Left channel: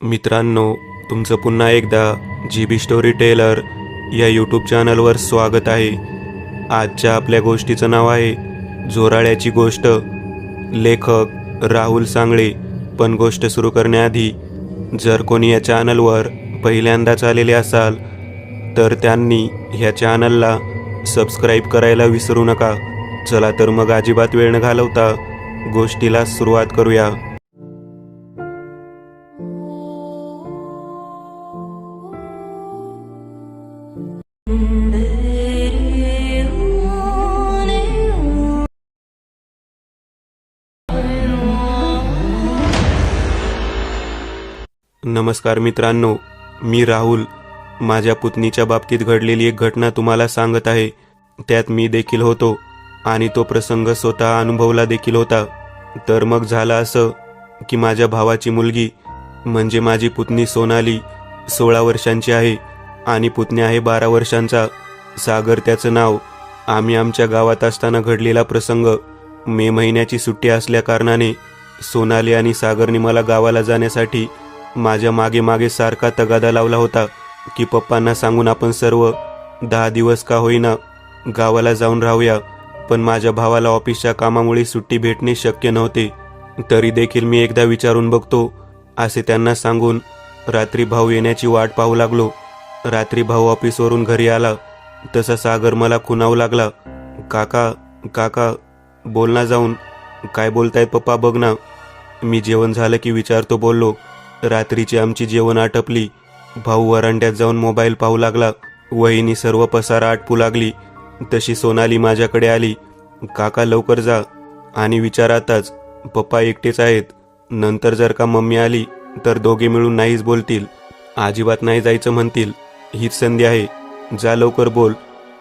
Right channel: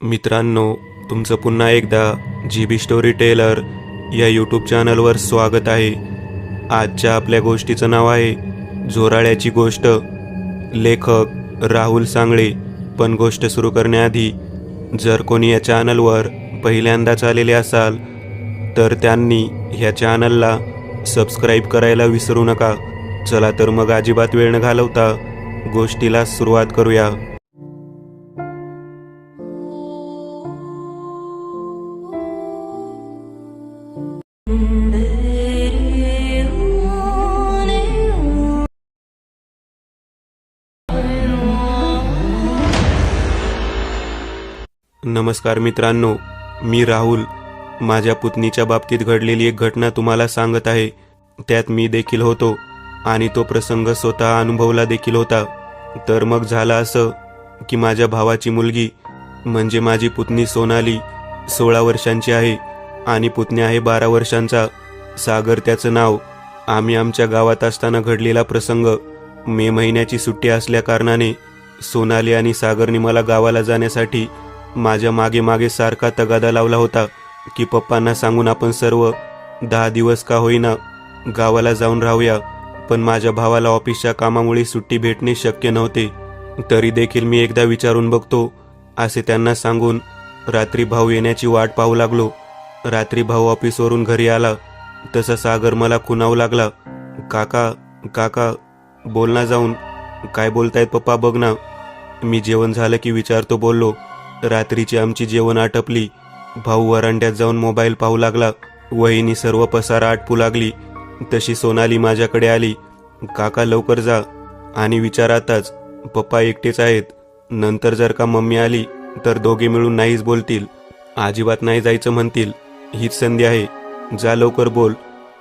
मित्रांनो, तुमचं पुन्हा एकदा GB स्टोरी टेलर या यूट्यूब चॅनलवर स्वागत आहे. आजच्या आपल्या गोष्टीचं नाव आहे जोराळ्याची गोष्ट. लेखक राहुल सांगळे. पण गोष्ट सुरू करण्याआधी जर कोणी या चॅनलवर पहिल्यांदाच आलेले असाल तर त्यांनी ह्या चॅनलला सबस्क्राईब करायला विसरू नका. चला तर मग अजिबात वेळ न घालवता गोष्टीला सुरुवात करूया. नमस्कार मित्रांनो, मी राहुल. माझ्या पुतणीच्या बाबतीत घडलेली एक घटना तुम्हाला सांगत आहे. त्यात मी देखील होतो आणि तो प्रसंग स्वतः अनुभवला देखील होता. तर मग झालं असं की माझ्या भावाची मुलगी म्हणजे माझी पुतणी सोनाली 16 वर्षांची आहे आणि पुतणी आहे 12 वर्षांचा. सागर त्याचं नाव. आम्ही आमच्या गावात असताना घडलेला प्रसंग. मे महिन्याची सुट्टी असल्या कारणाने सोनाली आणि सागरने मला गावाला जाण्यासाठी माझ्या मागे मागे सारखा तगादा लावला होता की पप्पांना सांगून आपण सर्व 10 दिवस का होईना गावाला जाऊन राहूया. पण माझ्या भावाला ऑफिसच्या कामामुळे सुट्टी भेटणे शक्य नव्हते. तरी देखील मी एकदा विचारून बघतो असे त्यांना सांगून रात्री भाऊ येण्याची वाट पाहू लागलो. रात्री भाऊ ऑफिसवरून घरी आला तसा सागर मला खुणावू लागला. काका काका बोल ना जाऊन. काय बोलतायत पप्पा बघ ना. मी जेवण झालं की विचारतो बोललो. रात्रीची आमची जेवण आटपली. भाऊ वरांड्यात जाऊन मोबाईल पाहू लागला. वहिनी सर्व पसारा आटपू लागली. तशी सोनाली माझ्याकडे आली. काका लवकर जा आणि विचारातच पप्पा एकटेच आहेत. नंतर जर का मम्मी आली तर दोघे मिळून नाहीच बोलतील. अजिबात नाही जायचं म्हणतील. हीच संधी आहे, जा लवकर बोल.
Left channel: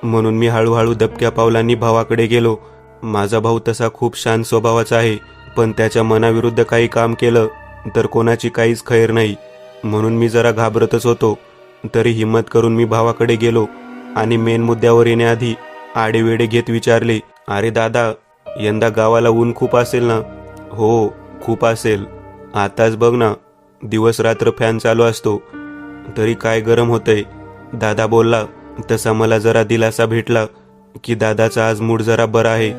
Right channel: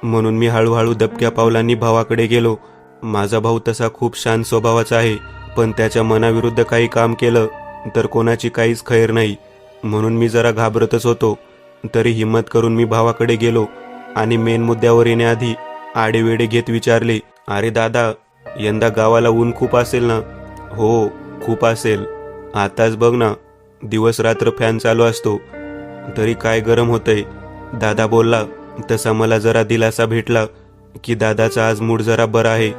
म्हणून मी हळूहळू दबक्या पावलांनी भावाकडे गेलो. माझा भाऊ तसा खूप शांत स्वभावाचा आहे, पण त्याच्या मनाविरुद्ध काही काम केलं तर कोणाची काहीच खैर नाही. म्हणून मी जरा घाबरतच होतो. तरी हिम्मत करून मी भावाकडे गेलो आणि मेन मुद्द्यावर येण्याआधी आडेवेडे घेत विचारले, अरे दादा, यंदा गावाला ऊन खूप असेल ना? हो खूप असेल. आताच बघ ना, दिवस रात्र फॅन चालू असतो तरी काय गरम होतंय. दादा बोलला. तसा मला जरा दिलासा भेटला की दादाचा आज मूड जरा बरा आहे.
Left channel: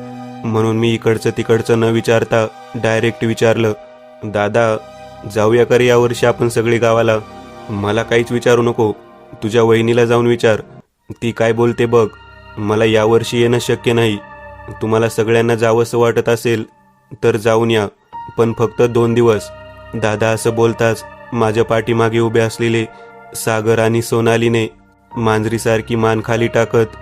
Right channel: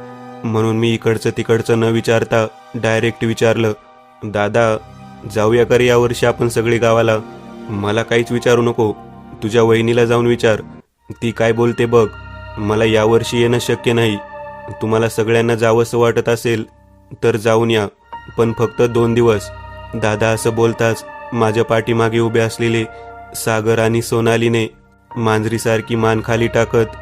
म्हणून मी इकडचं तिकडचं न विचारता डायरेक्ट विचारलं, दादा जाऊया करे यावर्षी आपण सगळे गावाला? मला काहीच विचारू नको, तुझ्या वहिनीला जाऊन विचार, ती काय बोलते बघ. मला यावर्षी येणं शक्य नाही. तुम्हाला सगळ्यांना जावंसं वाटत असेल तर जाऊन या, पण फक्त 2 दिवस. दादा असं बोलताच माझ्या पाठीमागे उभे असलेले सागर आणि सोनालीने मांजरीसारखी मान खाली टाकत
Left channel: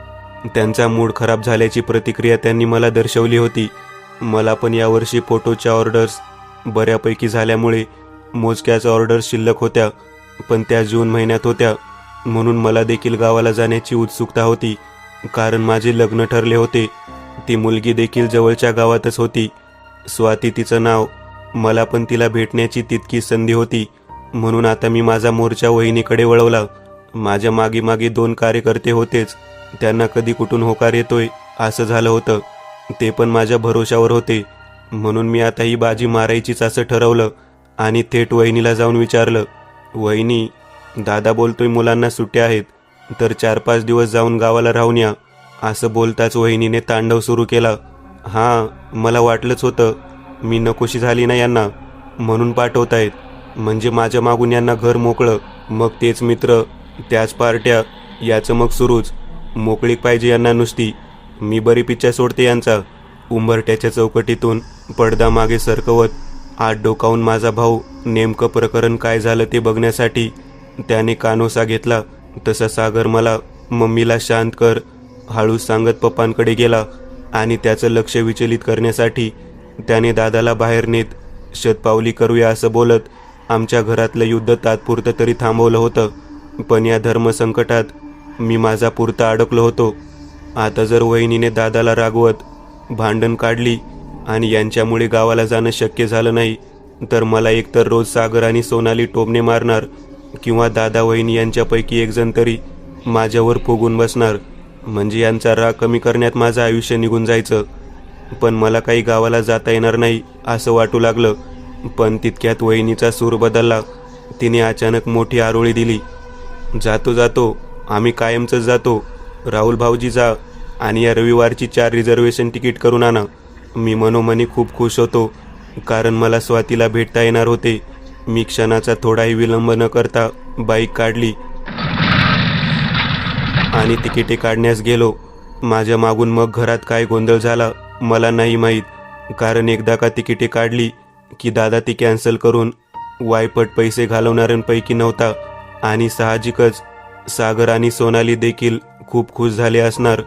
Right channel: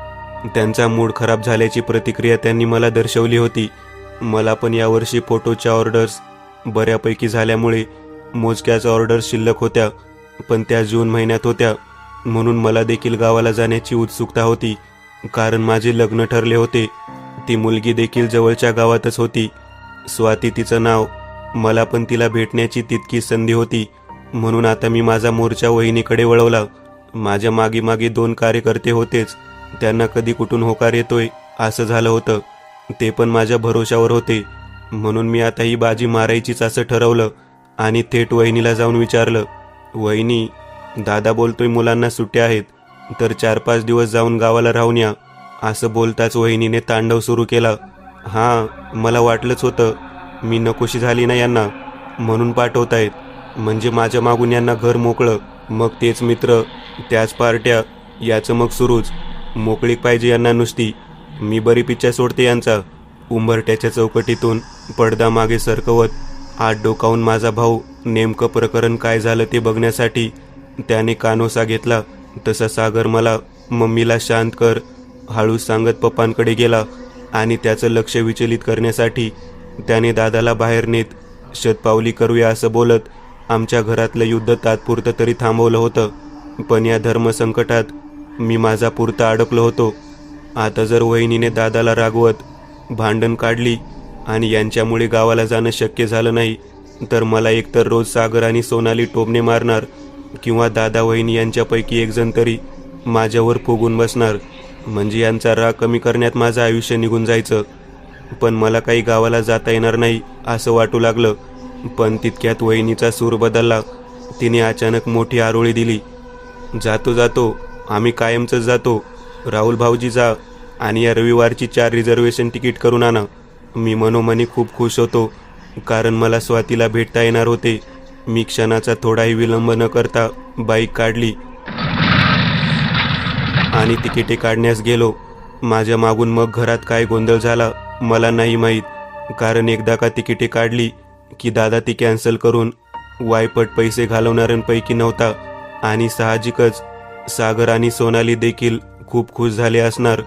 त्यांचा मूड खराब झाल्याची प्रतिक्रिया त्यांनी मला दर्शवली होती. मला पण यावर्षी फोटोच्या ऑर्डर्स बऱ्यापैकी झाल्यामुळे मोजक्याच ऑर्डर्स शिल्लक होत्या, पण त्या जून महिन्यात होत्या. म्हणून मला देखील गावाला जाण्याची उत्सुकता होती, कारण माझे लग्न ठरले होते. ती मुलगी देखील जवळच्या गावातच होती. स्वाती तिचं नाव. मला पण तिला भेटण्याची तितकी संधी होती. म्हणून आता मी माझा मोर्चा वहिनीकडे वळवला. माझ्या मागे मागे 2 कार्यकर्ते होतेच. त्यांना कधी कुठून होकार येतोय असं झालं होतं. ते पण माझ्या भरोशावर होते. म्हणून मी आता ही बाजी मारायचीच असं ठरवलं आणि थेट वहिनीला जाऊन विचारलं, वहिनी, दादा बोलतोय मुलांना सुट्ट्या आहेत तर 4-5 दिवस जाऊन गावाला राहून या. असं बोलताच वहिनीने तांडव सुरू केला. हां, मला वाटलंच होतं. मी नकोशी झाली ना यांना, म्हणून पाठवतायत. म्हणजे माझ्या मागून यांना घर मोकळं, मग तेच मित्र, त्याच पार्ट्या, याचं मग सुरूच. मोकळीक पाहिजे यांना नुसती. मी बरी पिच्चा सोडते यांचा. उंबरट्याच्या चौकटीतून पडदा मागे सरकवत हात डोकावून माझा भाऊ नेमकं प्रकरण काय झालं ते बघण्यासाठी त्याने कानोसा घेतला. तसा सागर मला मम्मीला शांत कर हळूच सांगत पप्पांकडे गेला आणि त्याचं लक्ष विचलित करण्यासाठी त्याने दादाला बाहेर नेत शतपावली करूया असं बोलत आमच्या घरातलं युद्ध तात्पुरतं तरी थांबवलं होतं. पण या धर्मसंकटात मी माझा पुरता अडकलो होतो. आता जर वहिनीने दादाला रागवत भांडण काढली आणि यांच्यामुळे गावाला जाणं शक्य झालं नाही तर मला एकतर रोज सागर आणि सोनाली टोमणे मारणार किंवा दादा वहिनी यांच्यापैकी एक जण तरी माझ्यावर फुगून बसणार. म्हणजे यांचा राग कमी करण्यात माझं आयुष्य निघून जायचं. पण मला काही गावाला जाता येणार नाही असं वाटू लागलं. पण तितक्यात वहिनीचा सूर बदलला. तिने अचानक मोठी आरोळी दिली. जातो जातो, आम्ही कायमच जातो. राहुल भाऊजी जा आणि या रविवारची 4 रिझर्वेशन तिकीट करून आणा. मी मनोमनी खूप खुश होतो, कारण मला स्वातीला भेटता येणार होते. मी क्षणाचा थोडाही विलंब न करता बाईक काढली आणि तिकिटे काढण्यास गेलो. माझ्या मागून मग घरात काय गोंधळ झाला मला नाही माहीत, कारण एकदा का तिकिटे काढली की दादा ती कॅन्सल करून वायपट पैसे घालवणाऱ्यांपैकी नव्हता. आणि साहजिकच सागर आणि सोनाली देखील खूप खुश झाले असणार.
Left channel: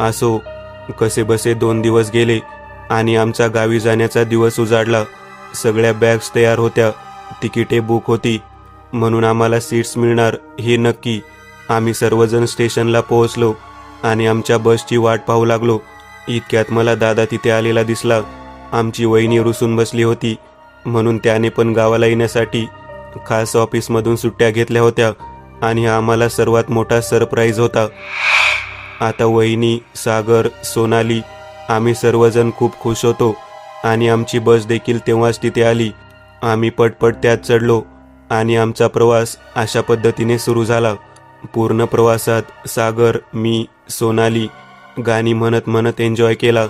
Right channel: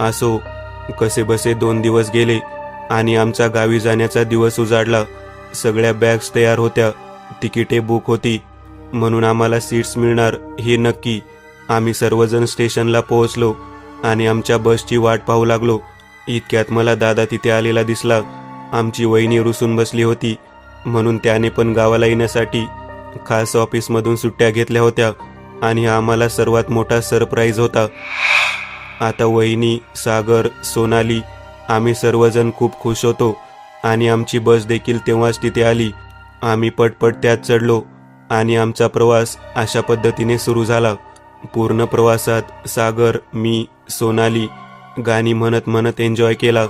असो, कसेबसे 2 दिवस गेले आणि आमचा गावी जाण्याचा दिवस उजाडला. सगळ्या बॅग्स तयार होत्या, तिकिटे बुक होती, म्हणून आम्हाला सीट्स मिळणार हे नक्की. आम्ही सर्वजण स्टेशनला पोहोचलो आणि आमच्या बसची वाट पाहू लागलो. इतक्यात मला दादा तिथे आलेला दिसला. आमची वहिनी रुसून बसली होती, म्हणून त्याने पण गावाला येण्यासाठी खास ऑफिसमधून सुट्ट्या घेतल्या होत्या आणि हा आम्हाला सर्वात मोठा सरप्राईज होता. आता वहिनी, सागर, सोनाली आम्ही सर्वजण खूप खुश होतो आणि आमची बस देखील तेव्हाच तिथे आली. आम्ही पटपट त्यात चढलो आणि आमचा प्रवास अशा पद्धतीने सुरू झाला. पूर्ण प्रवासात सागर, मी, सोनाली गाणी म्हणत म्हणत एन्जॉय केला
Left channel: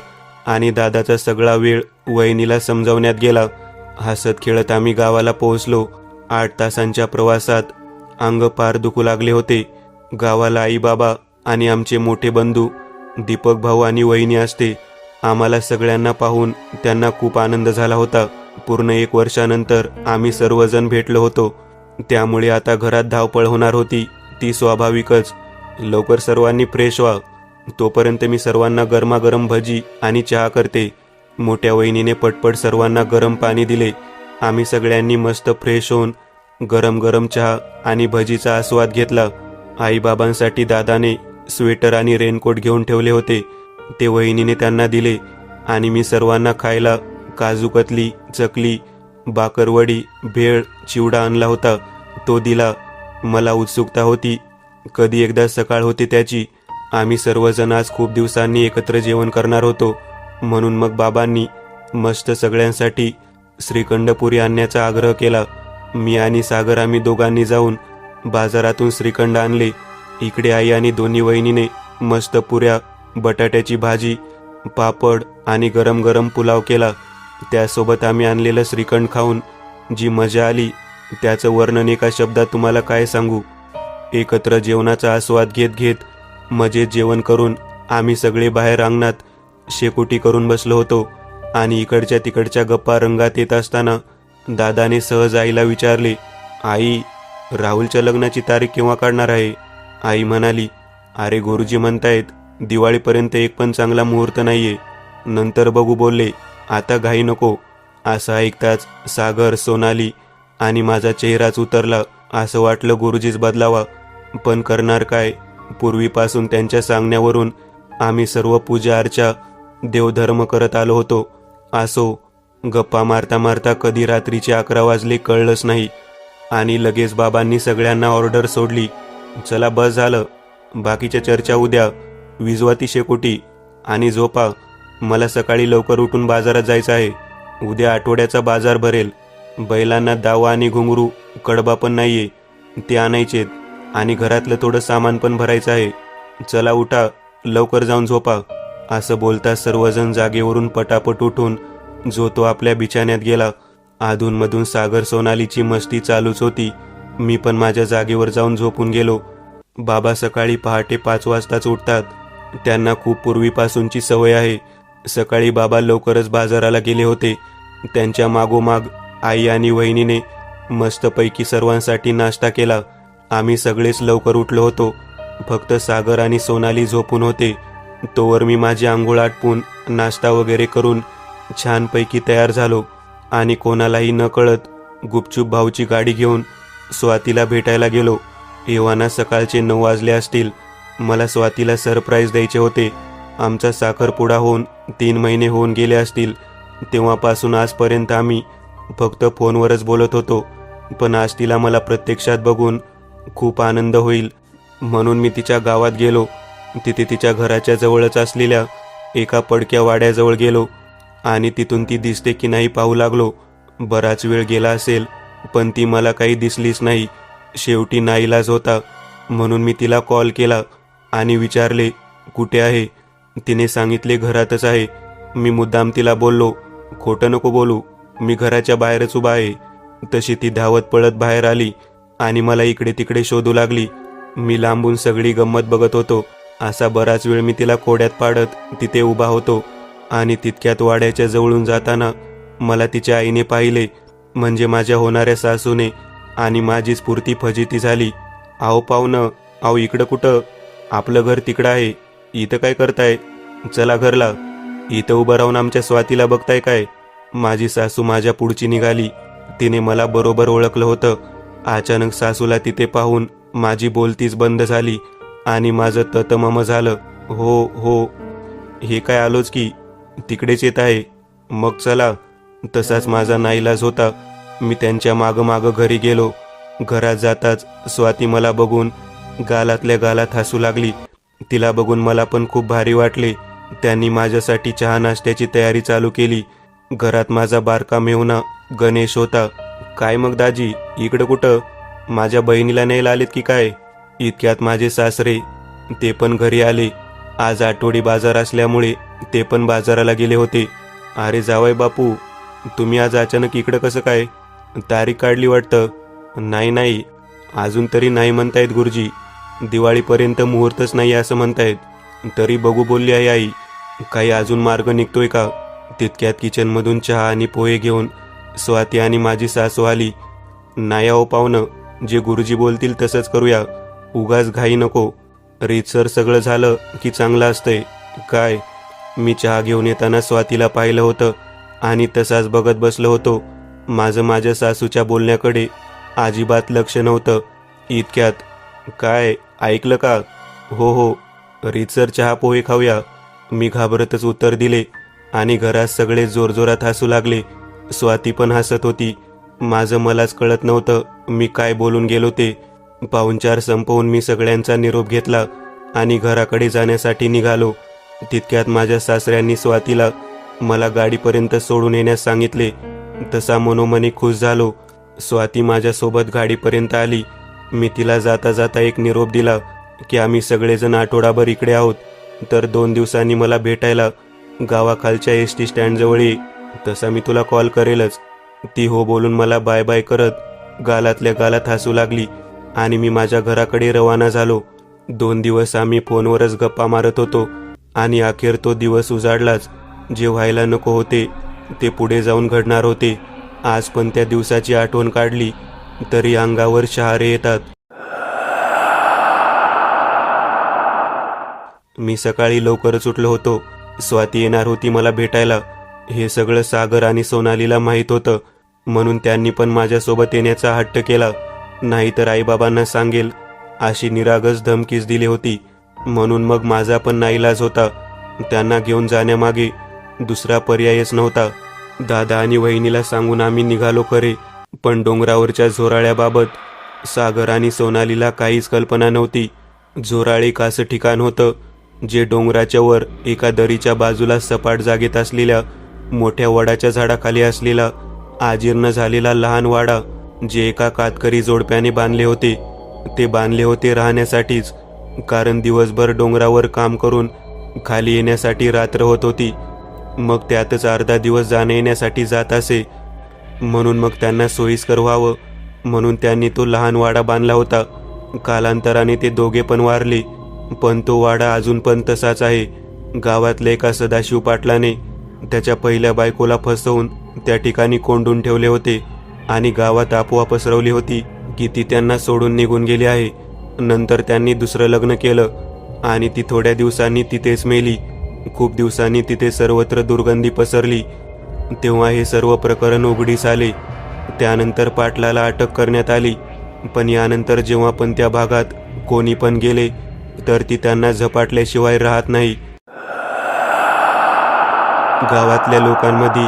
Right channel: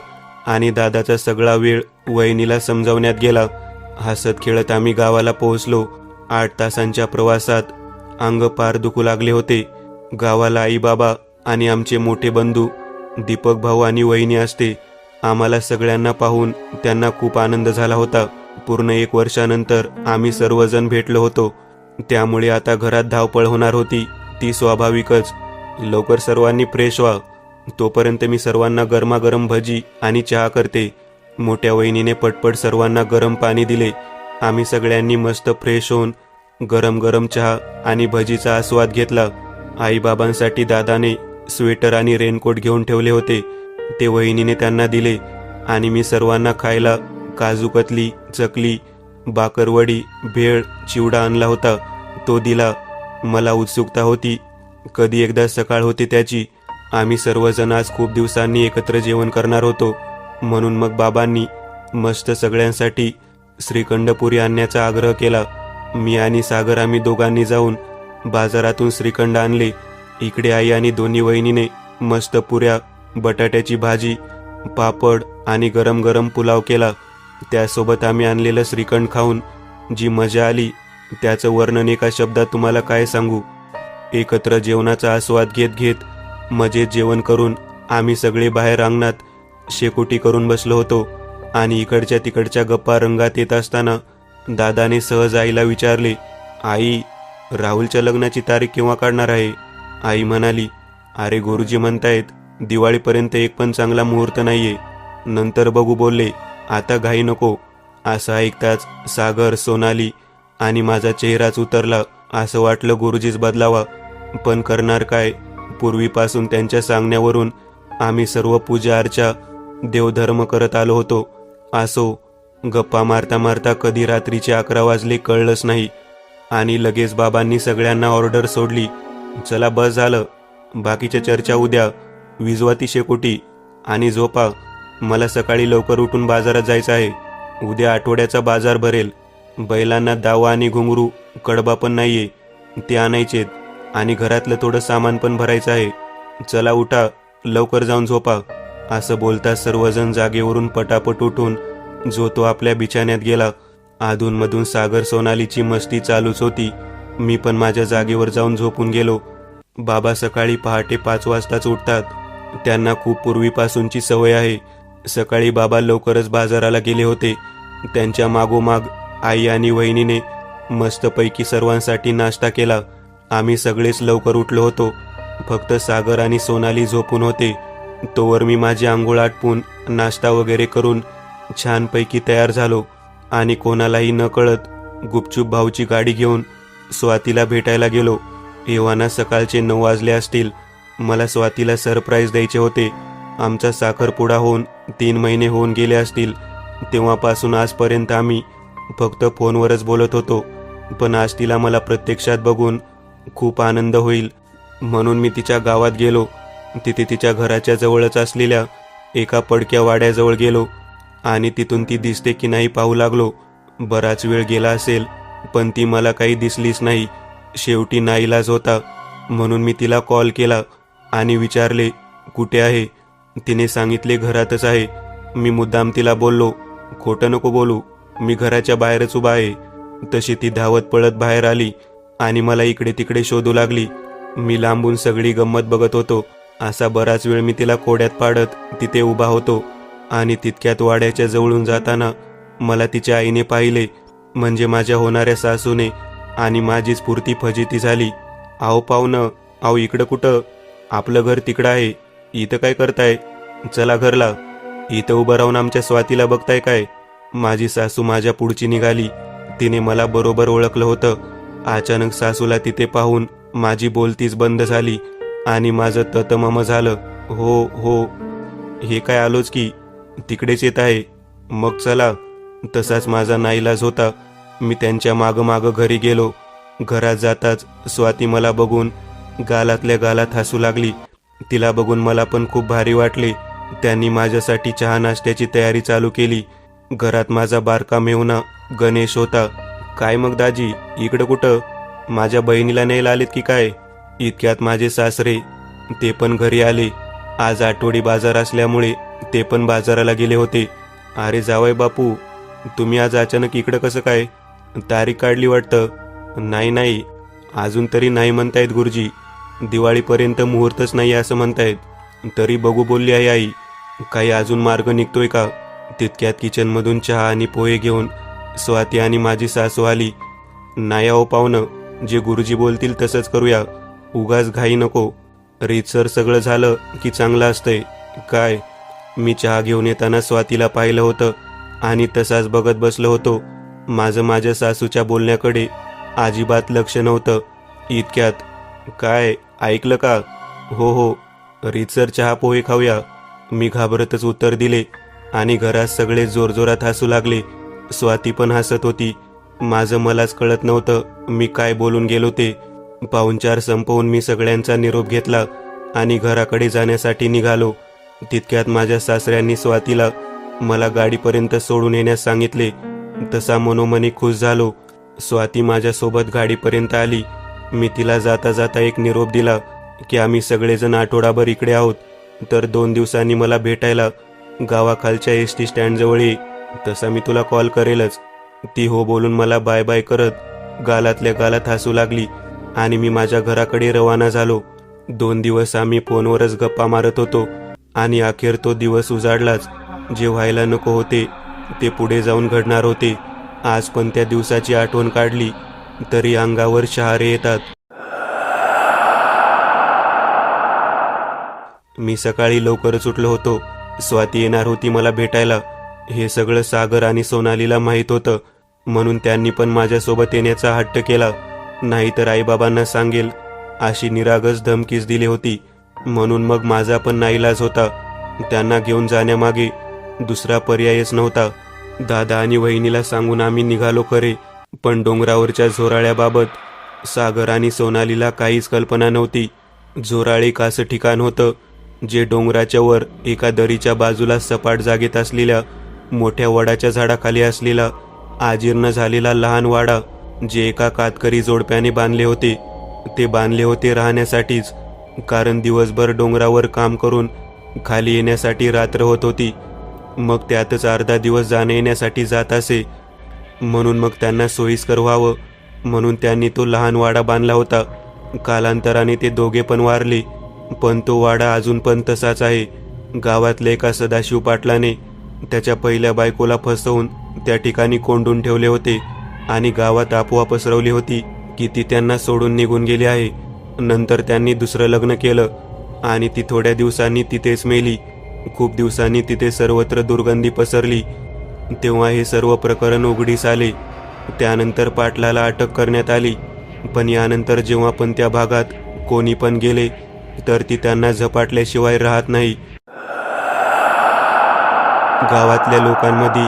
आणि दादाचा सगळा वेळ वहिनीला समजावण्यात गेला. हसत खेळत आम्ही गावाला पोहोचलो. 8 तासांच्या प्रवासात अंग पार दुखू लागले होते. गावाला आई बाबा आणि आमचे मोठे बंधू दीपक भाऊ आणि वहिनी असते. आम्हाला सगळ्यांना पाहून त्यांना खूप आनंद झाला होता. पूर्ण 1 वर्षानंतर आम्ही सर्वजण भेटलो होतो, त्यामुळे आता घरात धावपळ होणार होती ती स्वाभाविकच. लवकर सर्वांनी फ्रेश व्हा, तोपर्यंत मी सर्वांना गरमागरम भजी आणि चहा करते. मोठ्या वहिनीने पटपट सर्वांना गरम पाणी दिले. आम्ही सगळ्यांनी मस्त फ्रेश होऊन गरम गरम चहा आणि भजीचा आस्वाद घेतला. आईबाबांसाठी दादाने स्वेटर आणि रेनकोट घेऊन ठेवले होते, ते वहिनीने त्यांना दिले आणि मी सर्वांना खायला काजू कतली, चकली, बाकरवडी, भेळ, चिवडा आणला होता, तो दिला. मला उत्सुकता होती, कधी एकदा सकाळ होती त्याची. आम्ही सर्वजण आज खूप दिवसांनी एकत्र जेवण करणार होतो, म्हणून मग बाबांनी मस्त सगळ्यांसाठी श्रीखंडपुरी आणण्याचा आग्रह केला. मी आणि सागर आम्ही दोघांनी जाऊन बाजारातून श्रीखंड आणले. इकडे आई आणि दोन्ही वहिनीने मस्त पुऱ्या, बटाट्याची भाजी, पापड आणि गरम गरम पुलाव केला. त्यासोबत आम्ही आणलेलं श्रीखंड खाऊन जी मजा आली त्याचं वर्णन एका शब्दात तुम्हाला काय सांगू. एकत्र जेवणाचा आस्वाद घेत घेत मजेत जेवण करून आम्ही सगळे बाहेर अंगणात शेकोटी करून बसलो होतो आणि इकडच्या तिकडच्या गप्पा रंगात येत असताना दादाने सहज आईला विचारले, आई, राहुलच्या लग्नाची तारीख केव्हा काढणार आहे? आई म्हणाली, अरे गुरुजी म्हणतायत दिवाळीपर्यंत एक पण चांगला मुहूर्त नाहीये, नंतर बघू बोलले, आता घाई नको. असं ऐकताच सागर, सोनाली आणि माझा चेहराच उतरला. असं वाटलं गुरुजीच बदलावा, पण करणार काय. पूर्वीपासून त्यांच्या सांगण्यावरून आम्ही सर्व पूजा अर्चा, देवधर्म करत आलो होतो. असो, गप्पा मारता मारता कधी रात्रीचे 11 वाजले कळलंच नाही आणि लगेच बाबांनी सगळ्यांना ऑर्डर सोडली. चला बस झालं, बाकीच्या चर्चा उद्या. विजवा ती शेकोटी आणि झोपा. मला सकाळी लवकर उठून बाजारात जायचं आहे. उद्या आठवड्याचा बाजार भरेल. बैलांना दावा आणि घुंगरू, कडबा पण नाहीये, ते आणायचेत आणि घरातलं थोडं सामान पण भरायचं आहे. चला उठा, लवकर जाऊन झोपा. असं बोलता सर्वजण जागेवरून पटापट उठून जो तो आपल्या बिछाण्यात गेला. अधूनमधून सागर, सोनालीची मस्ती चालूच होती. मी पण माझ्या जागेवर जाऊन झोपून गेलो. बाबा सकाळी पहाटे 5 वाजताच उठतात. त्यांना खूप पूर्वीपासूनची सवय आहे. सकाळी बाबा लवकरच बाजाराला गेले होते. त्यांच्या मागोमाग आई आणि वहिनीने मस्तपैकी सर्वांसाठी नाश्ता केला. आम्ही सगळेच लवकर उठलो होतो. फक्त सागर आणि सोनाली झोपून होते. तोवर मी माझी आंघोळ आटपून नाश्ता वगैरे करून छानपैकी तयार झालो आणि कोणालाही न कळत गुपचूप भाऊची गाडी घेऊन स्वातीला भेटायला गेलो. एव्हाना सकाळचे 9 वाजले असतील. मला स्वातीला सरप्राईज द्यायचे होते. आमचा साखरपुडा होऊन 3 महिने होऊन गेले असतील. तेव्हापासून आजपर्यंत आम्ही फक्त फोनवरच बोलत होतो, पण आज तिला मला प्रत्यक्षात बघून खूप आनंद होईल म्हणून मी तिच्या गावात गेलो. तिथे तिच्या घराच्या जवळच असलेल्या एका पडक्या वाड्याजवळ गेलो आणि तिथून ती दिसते की नाही पाहू लागलो. बराच वेळ गेला असेल, पण ती मला काही दिसलीच नाही. शेवटी नाईलाज होता म्हणून मी तिला कॉल केला आणि विचारले कुठे आहे. तिने सांगितले घरातच आहे. मी मुद्दाम तिला बोललो खोटं नको बोलू, मी घराच्या बाहेरच उभा आहे. तशी ती धावत पळत बाहेर आली आणि मला इकडे तिकडे शोधू लागली. मी लांबून सगळी गंमत बघत होतो. असा बराच वेळ मी तिला कोड्यात पाडत तिथे उभा होतो आणि तितक्यात वाड्याच्या जवळून जाताना मला तिच्या आईने पाहिले, म्हणजे माझ्या होणाऱ्या सासूने, आणि माझी स्फूर्ती फजिती झाली. आहो पाहुणं, आहो इकडं कुठं? आपलं घर तिकडं आहे, इथं काय करताय? चला घरला. इथं उभं राहून आमच्या स्वातीला बघताय काय? माझी सासू माझ्या पुढची निघाली. तिने मला बरोबर ओळखलं होतं. अचानक सासूला तिथे पाहून माझी बोलतीच बंद झाली आणि माझं ततमम झालं. हो हो, हे काय आलोच की, तिकडेच येत आहे. मग चला. तसाच माझा नाईलाज होता. मी त्यांच्या मागं घरी गेलो. घरात जाताच स्वाती मला बघून गालातल्या गालात हसू लागली. तिला बघून मला पण खूप भारी वाटले. त्यांनी माझ्यासाठी चहा नाश्त्याची तयारी चालू केली. घरात माझा बारका मेहुणा गणेश होता. काय मग दाजी, इकडं कुठं? माझ्या बहिणीला न्यायला आलेत की काय? इतक्यात माझे सासरे, ते पण घरी आले. आज आठवडी बाजार असल्यामुळे ते पण बाजाराला गेले होते. अरे जावई बापू, तुम्ही आज अचानक इकडं कसं काय? तारीख काढली वाटतं? नाही, अजून तरी नाही म्हणतायत गुरुजी. दिवाळीपर्यंत मुहूर्तच नाही असं म्हणतायत. तरी बघू बोलली आहे आई. काही अजून मार्ग निघतोय का? तितक्यात किचनमधून चहा आणि पोहे घेऊन स्वाती आणि माझी सासू आली. नाही हो पाहुणं, जे गुरुजी बोलतील तसंच करूया. उगाच घाई नको. रीतसर सगळं झालं की चांगलं असतंय. काय? मी चहा घेऊन येताना स्वातीला पाहिलं होतं आणि तसाच बघत बसलो होतो. माझं माझ्या सासूच्या बोलण्याकडे अजिबात लक्ष नव्हतं. इतक्यात, काय ऐकलं का? हो, रीतसर चहा पोहे खाऊया. मी घाबरतच उत्तर दिले आणि घरात सगळे जोरजोरात हसू लागले. स्वाती पण हसत होती. माझं मलाच कळत नव्हतं मी काय बोलून गेलो ते. पाहुणचार संपवून मी सगळ्यांचा निरोप घेतला आणि घराकडे जाण्यासाठी निघालो. तितक्यात माझ्या सासऱ्यांनी स्वातीला मला गाडीपर्यंत सोडून येण्यास सांगितले. तसा मनोमनी खुश झालो. स्वाती माझ्यासोबत गाडीपर्यंत आली. मी तिला जाता जाता एक निरोप दिला की आम्ही सगळेजण आठवडाभर इकडे आहोत, तर 2 दिवसांनी मला भेटायला गावाखालच्या एसटी स्टँडजवळ ये. तसा मी तुला कॉल करेलच. ती हो बोलून मला बाय बाय करत गालातल्या गालात हसू लागली आणि मी माझ्या घराकडे रवाना झालो. 2 दिवस आम्ही फोनवरच गप्पा मारत होतो आणि अखेर तो दिवस उजाडलाच. जे व्हायला नको होते ते पुढे जाऊन घडणार होते. आज पण त्या दिवसाची आठवण काढली तरी अंगावर शहारे येतात. मी सकाळी लवकरच उठलो होतो. स्वाती येणार होती मला भेटायला. हे सगळं सागर आणि सोनालीला माहीत होतं, म्हणून त्यांनी पण माझ्यासोबत येण्याचा हट्ट केला. नाहीतर आईबाबांना सांगेल अशी निरागस धमकीच दिली होती. म्हणून मग माझा पण नाईलाज होता. त्यांना घेऊन जाण्यामागे दुसरा पर्यायच नव्हता. दादा आणि वहिनीला सांगून आम्ही निघालो खरे, पण डोंगरावरच्या झोराळ्याबाबत सागर आणि सोनालीला काहीच कल्पना नव्हती. झोराळ एक असं ठिकाण होतं जे डोंगराच्या वर एका दरीच्या बाजूला सपाट जागेत असलेल्या मोठ्या वडाच्या झाडाखाली असलेला आजीर्ण झालेला लहान वाडा, जे एका कातकरी जोडप्याने बांधले होते. ते बांधले होते राहण्यासाठीच, कारण दिवसभर डोंगरावर काम करून खाली येण्यासाठी रात्र होत होती. मग त्यातच अर्धा दिवस जाण्या येण्यासाठी जात असे. म्हणून मग त्यांना सोयीस्कर व्हावं म्हणून त्यांनी तो लहान वाडा बांधला होता. कालांतराने ते दोघे पण वारले, पण तो वाडा अजून पण तसाच आहे. गावातल्या एका सदाशिव पाटलाने त्याच्या पहिल्या बायकोला फसवून त्या ठिकाणी कोंडून ठेवले होते आणि गावात अफवा पसरवली होती की ती त्यांना सोडून निघून गेली आहे. नंतर त्यांनी दुसरं लग्न केलं आणि ती थोड्या दिवसांनी तिथेच मेली. खूप दिवसांनी तिथे सर्वत्र दुर्गंधी पसरली. तेव्हा हे सर्व प्रकरण उघडीस आले. त्यानंतर पाटलाला अटक करण्यात आली. पण यानंतर जेव्हा पण त्या भागात कोणी पण गेले तर ती त्यांना झपाटल्याशिवाय राहत नाही. गावातल्या लोकांमध्ये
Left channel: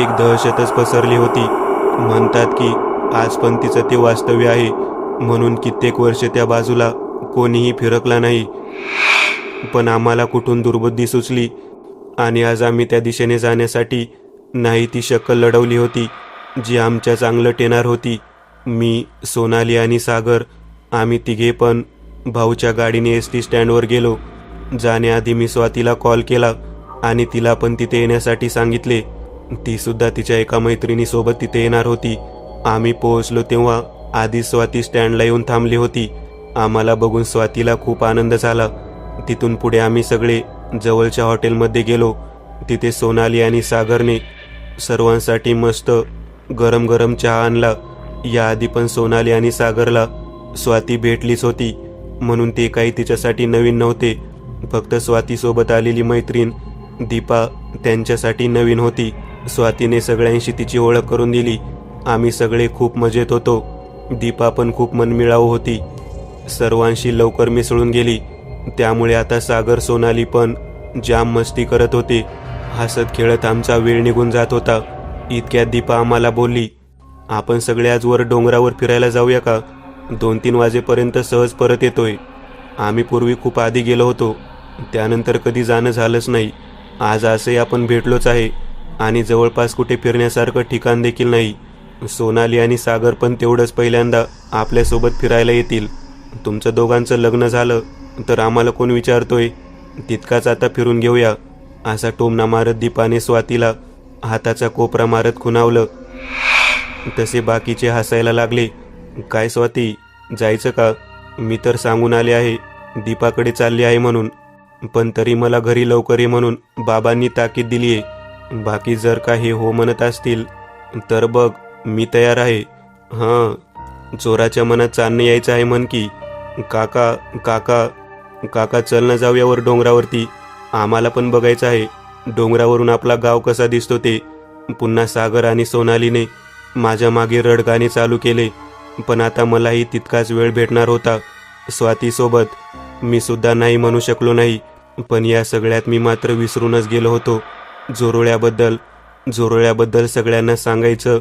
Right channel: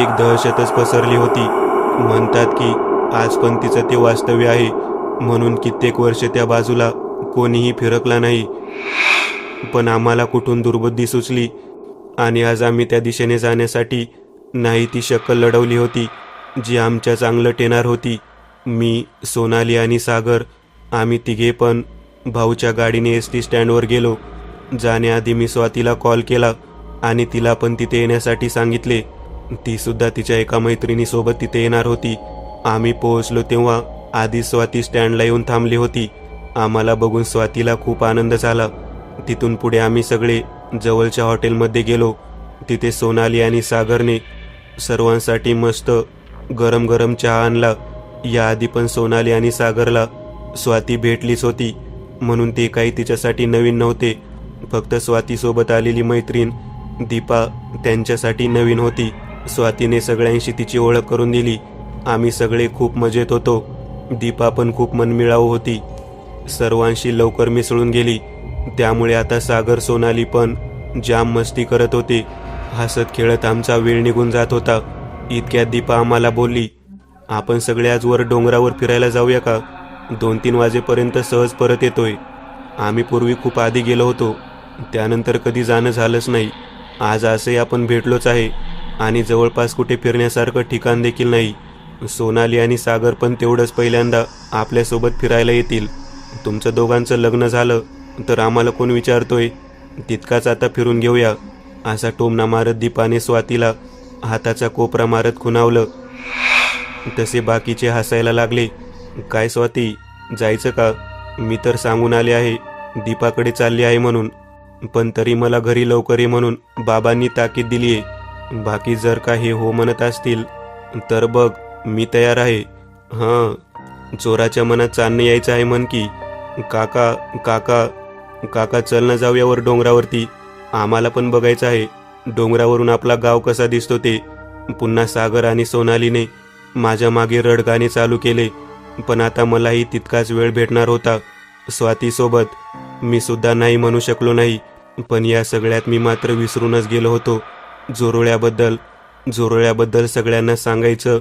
एक दहशतच पसरली होती. म्हणतात की आज पण तिचं ते वास्तव्य आहे, म्हणून कित्येक वर्ष त्या बाजूला कोणीही फिरकला नाही. पण आम्हाला कुठून दुर्बुद्धी सुचली आणि आज आम्ही त्या दिशेने जाण्यासाठी नाही ती शक्कल लढवली होती जी आमच्या चांगलं टेणार होती. मी, सोनाली आणि सागर आम्ही तिघे पण भाऊच्या गाडीने एस.टी. स्टँडवर गेलो. जाण्याआधी मी स्वातीला कॉल केला आणि तिला पण तिथे येण्यासाठी सांगितले. ती सुद्धा तिच्या एका मैत्रिणीसोबत तिथे येणार होती. आम्ही पोहोचलो तेव्हा आधी स्वाती स्टँडला येऊन थांबली होती. आम्हाला बघून स्वातीला खूप आनंद झाला. तिथून पुढे आम्ही सगळे जवळच्या हॉटेलमध्ये गेलो. तिथे सोनाली आणि सागरने सर्वांसाठी मस्त गरम गरम चहा आणला. याआधी पण सोनाली आणि सागरला स्वाती भेटलीच होती, म्हणून ते काही तिच्यासाठी नवीन नव्हते. फक्त स्वातीसोबत आलेली मैत्रीण दीपा त्यांच्यासाठी नवीन होती. स्वातीने सगळ्यांशी तिची ओळख करून दिली. आम्ही सगळे खूप मजेत होतो. दीपा पण खूप मनमिळाऊ होती. सर्वांशी लवकर मिसळून गेली. त्यामुळे आता सागर, सोनाली पण जाम मस्ती करत होते. हसत खेळत आमचा वेळ निघून जात होता. इतक्यात दीपा आम्हाला बोलली, आपण सगळे आज वर डोंगरावर फिरायला जाऊया का? 2-3 वाजेपर्यंत सहज परत येतोय. आम्ही पूर्वी खूप आधी गेलो होतो, त्यानंतर कधी जाणं झालंच नाही. आज असे आपण भेटलोच आहे आणि जवळपास कुठे फिरण्यासारखं ठिकाण देखील नाही. सोनाली आणि सागर पण तेवढंच पहिल्यांदा आपल्यासोबत फिरायला येतील. तुमचं दोघांचं लग्न झालं तर आम्हाला कोण विचारतोय? तितकाच आता फिरून घेऊया. असा टोमणा मारत दीपाने स्वातीला हाताचा कोपरा मारत खुणावलं. तसे बाकीचे हसायला लागले. काय स्वाती, जायचं का? मी तर सांगून आले आहे दीपाकडे चालली आहे म्हणून, पण तरी मला घरी लवकर ये म्हणून बाबांनी ताकीद दिलीये. बाकी जर का हे हो म्हणत असतील तर बघ, मी तयार आहे. हां, चोराच्या मनात चांदणे यायचं आहे म्हण की. काका काका काका, चल ना जाऊया वर डोंगरावरती. आम्हाला पण बघायचं आहे डोंगरावरून आपला गाव कसा दिसतो ते. पुन्हा सागर आणि सोनालीने माझ्या मागे रडगाणे चालू केले. पण आता मलाही तितकाच वेळ भेटणार होता स्वातीसोबत. मी सुद्धा नाही म्हणू शकलो नाही. पण या सगळ्यात मी मात्र विसरूनच गेलो होतो जोरोळ्याबद्दल सगळ्यांना सांगायचं,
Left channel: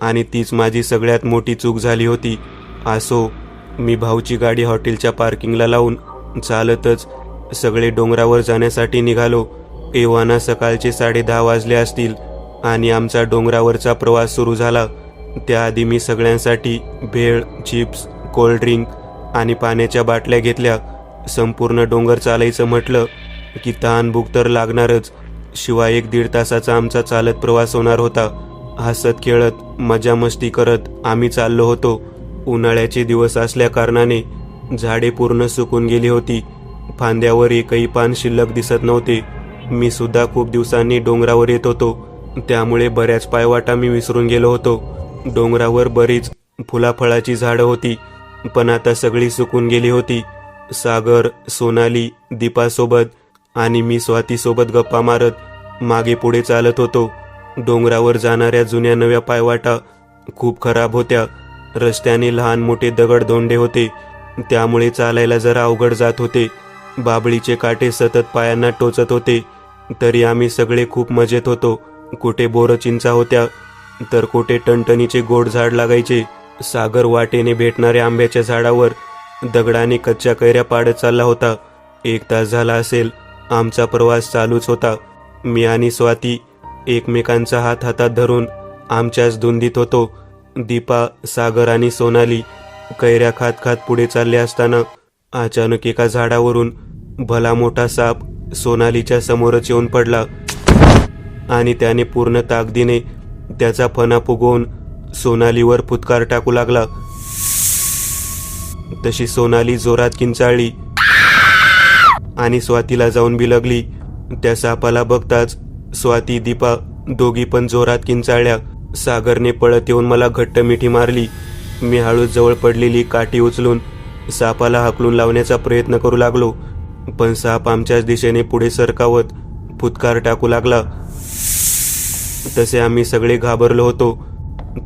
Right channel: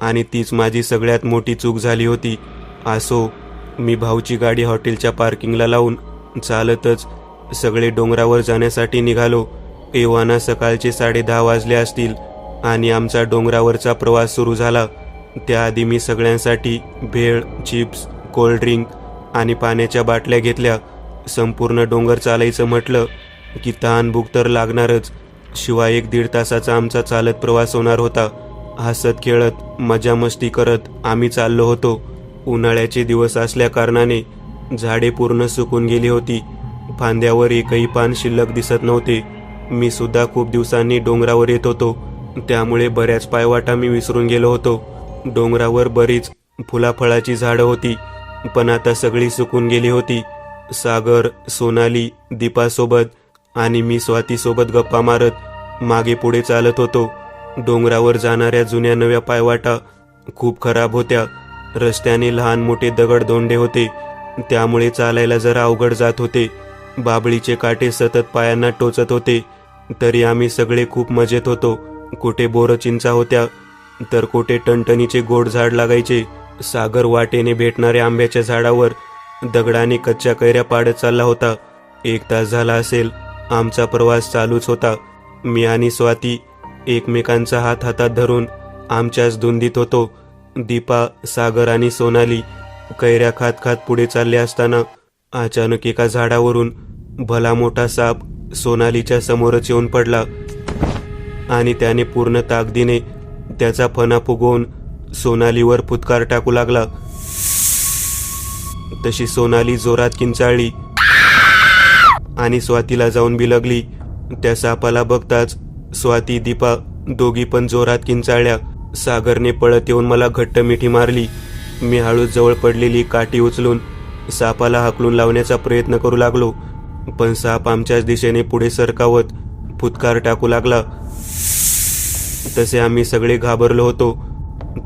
आणि तीच माझी सगळ्यात मोठी चूक झाली होती. असो, मी भाऊची गाडी हॉटेलच्या पार्किंगला लावून चालतच सगळे डोंगरावर जाण्यासाठी निघालो. एव्हाना सकाळचे 10:30 वाजले असतील आणि आमचा डोंगरावरचा प्रवास सुरू झाला. त्याआधी मी सगळ्यांसाठी भेळ, चिप्स, कोल्ड्रिंक आणि पाण्याच्या बाटल्या घेतल्या. संपूर्ण डोंगर चालायचं म्हटलं की तहान भूक तर लागणारच. शिवाय 1-1.5 तासाचा आमचा चालत प्रवास होणार होता. हसत खेळत मजा मस्ती करत आम्ही चाललो होतो. उन्हाळ्याचे दिवस असल्या कारणाने झाडे पूर्ण सुकून गेली होती. फांद्यावर एकही पान शिल्लक दिसत नव्हते. मी सुद्धा खूप दिवसांनी डोंगरावर येत होतो, त्यामुळे बऱ्याच पायवाटा मी विसरून गेलो होतो. डोंगरावर बरीच फुलाफळाची झाडं होती, पण आता सगळी सुकून गेली होती. सागर, सोनाली, दीपासोबत आणि मी स्वातीसोबत गप्पा मारत मागे पुढे चालत होतो. डोंगरावर जाणाऱ्या जुन्या नव्या पायवाटा खूप खराब होत्या. रस्त्याने लहान मोठे दगड धोंडे होते, त्यामुळे चालायला जरा अवघड जात होते. बाभळीचे काटे सतत पायांना टोचत होते. तरी आम्ही सगळे खूप मजेत होतो. कुठे बोरचिंचा होत्या तर कुठे टणटणीचे गोड झाड लागायचे. सागर वाटेने भेटणाऱ्या आंब्याच्या झाडावर दगडाने कच्च्या कैऱ्या पाडत चालला होता. 1 तास झाला असेल आमचा प्रवास चालूच होता. मी आणि स्वाती एकमेकांचा हात हातात धरून आमच्याच धुंदीत होतो. दीपा, सागर आणि सोनाली कैऱ्या खात खात पुढे चालले असताना अचानक एका झाडावरून भला मोठा साप सोनालीच्या समोरच येऊन पडला आणि त्याने पूर्ण ताकदीने त्याचा फणा फुगवून सोनालीवर फुटकार टाकू लागला. तशी सोनाली जोरात किंचाळली आणि स्वातीला जाऊन बिलगली. त्या सापाला बघताच स्वाती, दीपा दोघी पण जोरात किंचाळल्या. सागरने पळत येऊन मला घट्ट मिठी मारली. मी हळूच जवळ पडलेली काठी उचलून सापाला हाकलून लावण्याचा प्रयत्न करू लागलो, पण साप आमच्याच दिशेने पुढे सरकावत फुटकार टाकू लागला. तसे आम्ही सगळे घाबरलो होतो.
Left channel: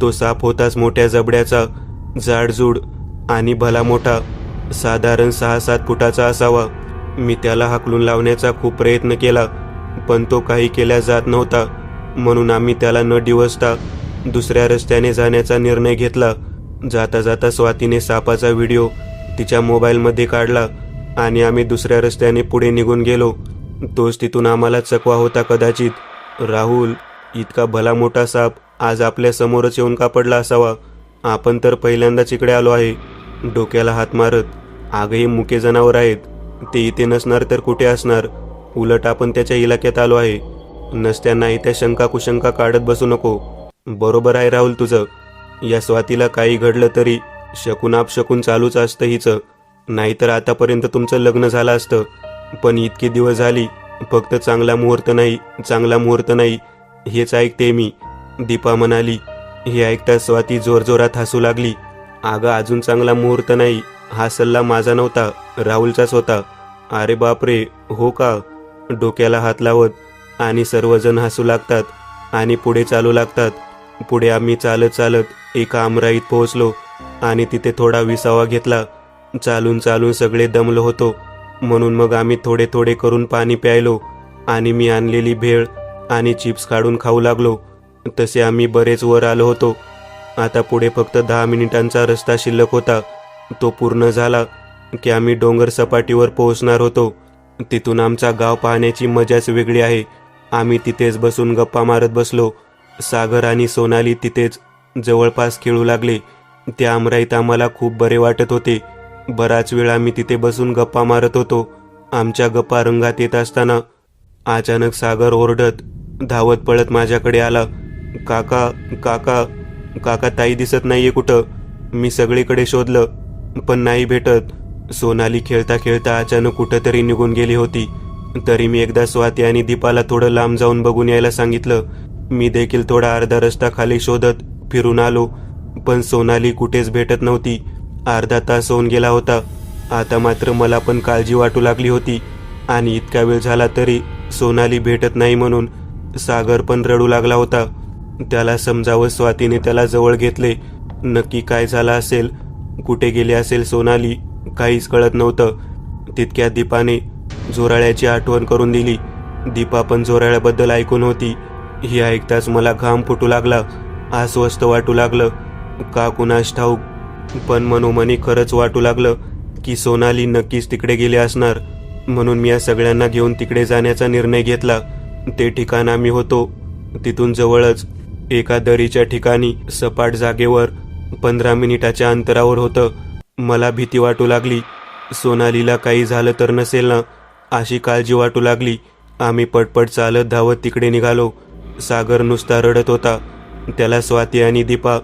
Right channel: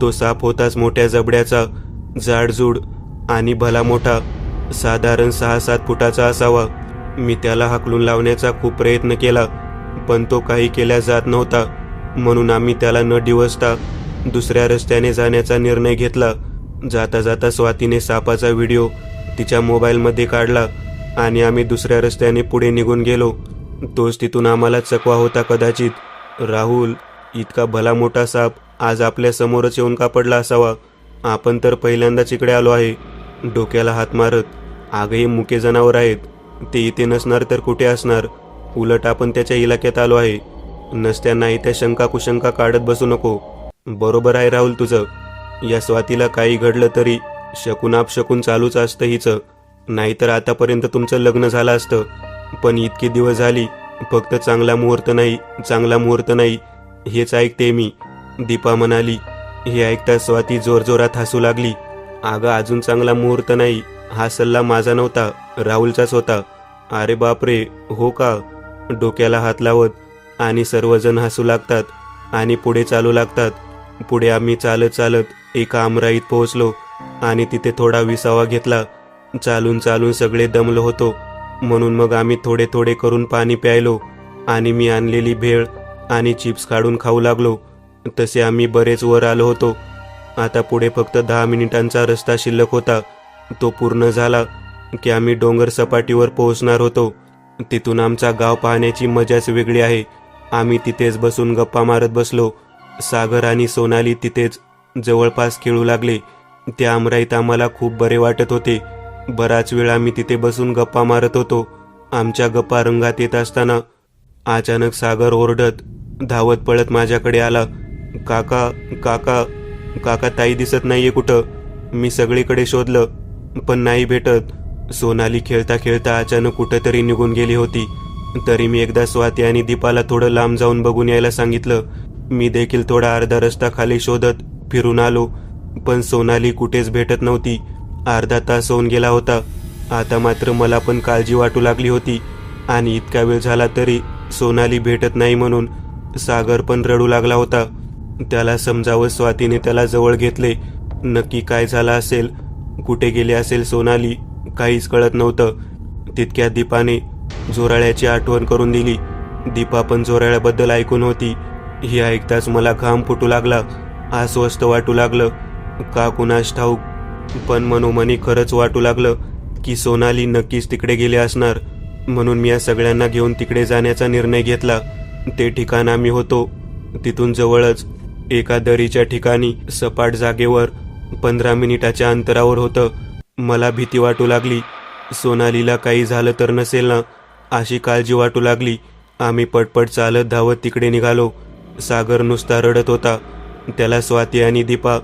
तो साप होताच मोठ्या जबड्याचा, जाडजूड आणि भला मोठा, साधारण 6-7 फुटाचा असावा. मी त्याला हाकलून लावण्याचा खूप प्रयत्न केला, पण तो काही केल्या जात नव्हता. म्हणून आम्ही त्याला न डिवचता दुसऱ्या रस्त्याने जाण्याचा निर्णय घेतला. जाता जाता स्वातीने सापाचा व्हिडिओ तिच्या मोबाईलमध्ये काढला आणि आम्ही दुसऱ्या रस्त्याने पुढे निघून गेलो. तोच तिथून आम्हाला चकवा होता कदाचित. राहुल, इतका भला मोठा साप आज आपल्या समोरच येऊन का पडला असावा? आपण तर पहिल्यांदाच इकडे आलो आहे. डोक्याला हात मारत, अगं हे मुके जनावर आहेत, ते इथे नसणार तर कुठे असणार? उलट आपण त्याच्या इलाक्यात आलो आहे. नसत्यांना इथे शंका कुशंका काढत बसू नको. बरोबर आहे राहुल तुझं. या स्वातीला काही घडलं तरी शकून आपशकून चालूच असतं हिचं. नाहीतर आतापर्यंत तुमचं लग्न झालं असतं. पण इतके दिवस झाली फक्त चांगला मुहूर्त नाही, चांगला मुहूर्त नाही हेच ऐकते मी. दीपा म्हणाली. हे ऐकता स्वाती जोरजोरात हसू लागली. अगं अजून चांगला मुहूर्त नाही, हा सल्ला माझा नव्हता, राहुलचाच होता. अरे बापरे, हो का? डोक्याला हात लावत आणि सर्वजण हसू लागतात आणि पुढे चालू लागतात. पुढे आम्ही चालत चालत एका आमराईत पोहोचलो आणि तिथे थोडा विसावा घेतला. चालून चालून सगळे दमलो होतो, म्हणून मग आम्ही थोडे थोडे करून पाणी प्यायलो आणि मी आणलेली भेळ आणि चिप्स काढून खाऊ लागलो. तसे आम्ही बरेच वर आलो होतो. आता पुढे फक्त 10 मिनिटांचा रस्ता शिल्लक होता. तो पूर्ण झाला की आम्ही डोंगर सपाटीवर पोहोचणार होतो. तिथून आमचा गाव पाहण्याची मजाच वेगळी आहे. आम्ही तिथेच बसून गप्पा मारत बसलो. सागर आणि सोनाली तिथेच जवळपास खेळू लागले. त्या आमराईत आम्हाला खूप बरे वाटत होते. बराच वेळ आम्ही तिथे बसून गप्पा मारत होतो. आमच्या गप्पा रंगात येत असताना अचानक सागर ओरडत धावत पळत माझ्याकडे आला. काका काका काका, ताई दिसत नाहीये कुठं? मी सगळीकडे शोधलं पण नाही भेटत. सोनाली खेळता खेळता अचानक कुठंतरी निघून गेली होती. तरी मी एकदा स्वाती आणि दीपाला थोडं लांब जाऊन बघून यायला सांगितलं. मी देखील थोडा अर्धा रस्ता खाली शोधत फिरून आलो, पण सोनाली कुठेच भेटत नव्हती. अर्धा तास होऊन गेला होता. आता मात्र मला पण काळजी वाटू लागली होती आणि इतका वेळ झाला तरी सोनाली भेटत नाही म्हणून सागर पण रडू लागला होता. त्याला समजावं स्वातीने त्याला जवळ घेतले. नक्की काय झालं असेल, कुठे गेले असेल सोनाली, काहीच कळत नव्हतं. तितक्या दीपाने जोराळ्याची आठवण करून दिली. दीपा पण जोराळ्याबद्दल ऐकून होती. हे ऐकताच मला घाम फुटू लागला, अस्वस्थ वाटू लागलं. का कुणास ठाऊक, पण मनोमनी खरंच वाटू लागलं की सोनाली नक्कीच तिकडे गेली असणार. म्हणून मी या सगळ्यांना घेऊन तिकडे जाण्याचा निर्णय घेतला. ते ठिकाण आम्ही होतो तिथून जवळच एका दरीच्या ठिकाणी सपाट जागेवर 15 मिनिटाच्या अंतरावर होतं. मला भीती वाटू लागली. सोनालीला काही झालं तर नसेल ना, अशी काळजी वाटू लागली. आम्ही पटपट चालत धावत तिकडे निघालो. सागर नुसता रडत होता. त्याला स्वाती आणि दीपा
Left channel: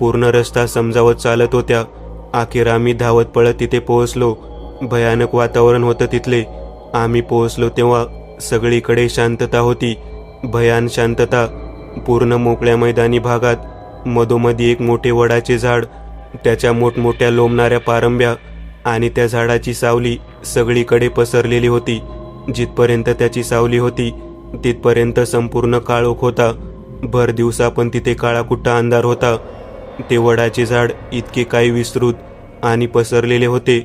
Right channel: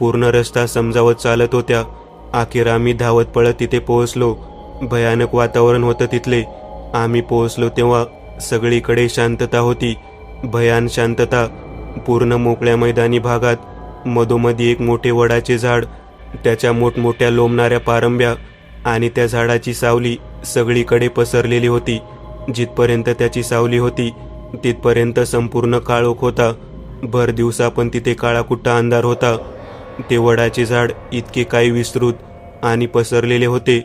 पूर्ण रस्ता समजावत चालत होत्या. अखेर आम्ही धावत पळत तिथे पोहोचलो. भयानक वातावरण होतं तिथले. आम्ही पोहोचलो तेव्हा सगळीकडे शांतता होती, भयान शांतता. पूर्ण मोकळ्या मैदानी भागात मधोमधी एक मोठे वडाचे झाड, त्याच्या मोठमोठ्या लोंबणाऱ्या पारंब्या आणि त्या झाडाची सावली सगळीकडे पसरलेली होती. जिथपर्यंत त्याची सावली होती तिथपर्यंत संपूर्ण काळोख होता. भर दिवसा पण तिथे काळाकुट्टा अंधार होता. ते वडाचे झाड इतके काही विस्तृत आणि पसरलेले होते,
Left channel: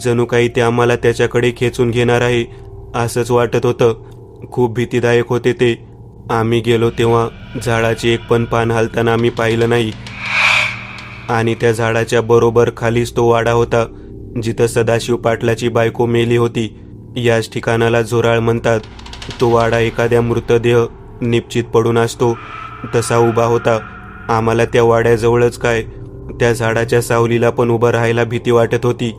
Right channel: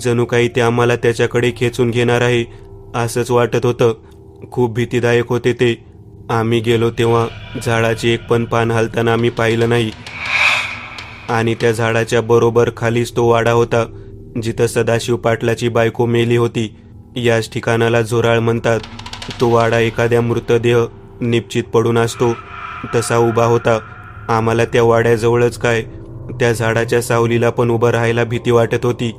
जणू काही ते आम्हाला त्याच्याकडे खेचून घेणार आहे असंच वाटत होतं. खूप भीतीदायक होते ते. आम्ही गेलो तेव्हा झाडाचे एक पण पान हालताना आम्ही पाहिलं नाही. आणि त्या झाडाच्या बरोबर खालीच तो वाडा होता जिथं सदाशिव पाटलाची बायको मेली होती. याच ठिकाणाला झोराळ म्हणतात. तो वाडा एखाद्या मृतदेह निपचित पडून असतो तसा उभा होता. आम्हाला त्या वाड्याजवळच काय, त्या झाडाच्या सावलीला पण उभं राहायला भीती वाटत होती.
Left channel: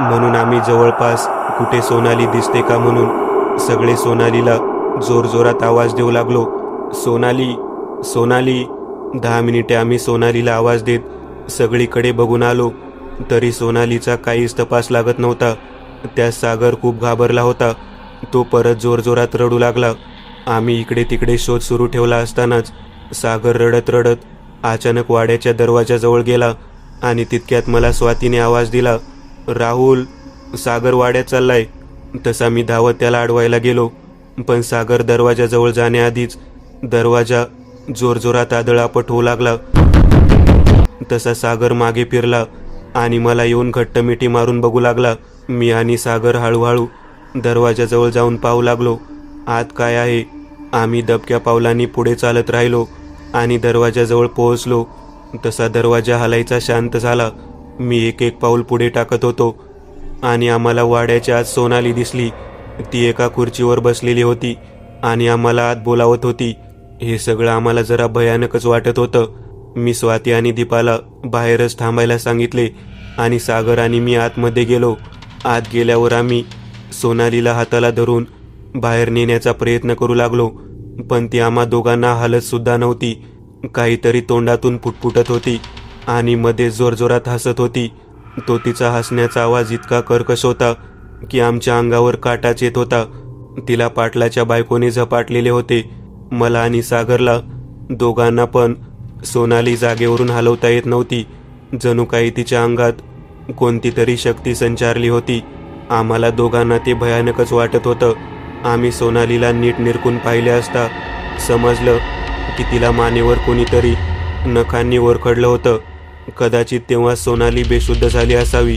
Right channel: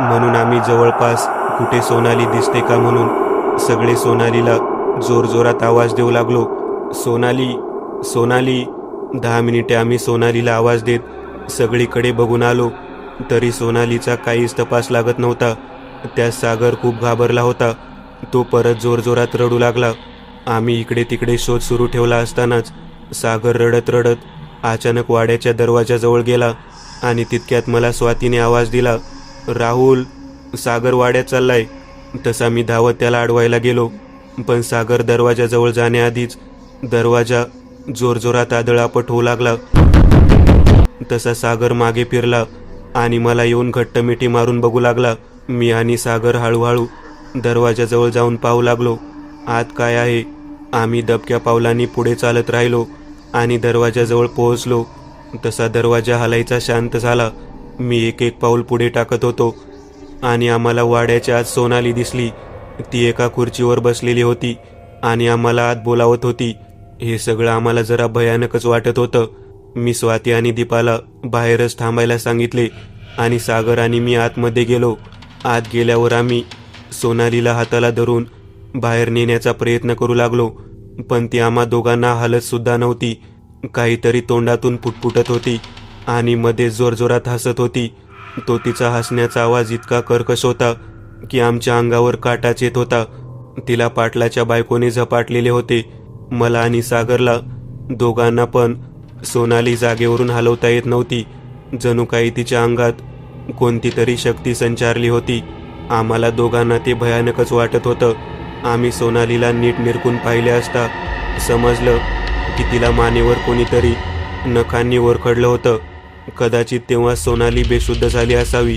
म्हणून आम्ही जवळपास कुठे सोनाली दिसते का म्हणून सगळे सोनालीला जोरजोरात आवाज देऊ लागलो. सोनाली, सोनाली. 10 मिनिटे आम्ही सोनालीला आवाज देत सगळीकडे बघून आलो, तरी सोनालीचा काहीच तपास लागत नव्हता. त्या सागर खूप घाबरला होता. तो परत जोरजोरात रडू लागला. आम्ही इकडे तिकडे शोध सुरू ठेवला असतानाच सागर रडत रडत अचानक वाड्याच्या दरवाजाजवळ गेला आणि तितक्यात मला स्वातीने आवाज दिला, राहुल, सागर वाड्यात चाललाय. तसा मी धावत त्याला अडवायला गेलो, पण सागर दरवाजाजवळ जाण्याआधीच दरवाजा जोरजोरात आदळापट होऊ लागला. तसा सागर मागे फिरला आणि मला येऊन घट्ट मिठी मारून बघू लागला. मी आणि सागर हळूहळू दरवाजाजवळ जाऊन पाहू लागलो आत काय आहे. आम्ही दबक्या पावलांनी पुढे चालत राहिलो आणि दरवाजाजवळ पोहोचलो. तसा दरवाजा हलायचा शांत झाला. मी एक एक पाऊल पुढे टाकत होतो आणि आम्हाला वाड्याच्या आत सोनाली दिसली. ती एका खुर्चीवर बसलेली होती आणि आम्हाला आत बोलावत होती. हे सगळं आम्हाला जरा भयानकच वाटत होतं. मी स्वाती आणि दीपाला बाहेरच थांबायला सांगितले आणि सागर आणि मी आतमध्ये गेलो. आत गेल्यावर आम्ही सोनालीला हाताला धरून बाहेर नेण्याचा प्रयत्न करू लागलो, पण ती आम्हा दोघांना हालत सुद्धा नव्हती. काहीतरी तोंडातून पुटपुटत होती आणि मध्ये जोरजोरात हसत होती. तो तिचा हसण्याचा आवाज इतका कर्कश होता की आमच्या अंगावर काटाच येत होता. तिला पाटलाच्या बायकोने झपाटलेले होते. मला आणि सागरला दोघांना पण सोनाली जागेवरून हलवता येत नव्हती. जणू काही तिच्या अंगात कोणती तरी शक्ती संचारली होती. आम्हाला दोघांना ते भयानकच वाटत होतं. आम्ही सोनालीला नीट निरखून पाहिले असता समजलं की तिला मानेवर कोणीतरी नखांनी वरखडलं होतं. कदाचित तेव्हा सोनाली बेशुद्ध झाली असावी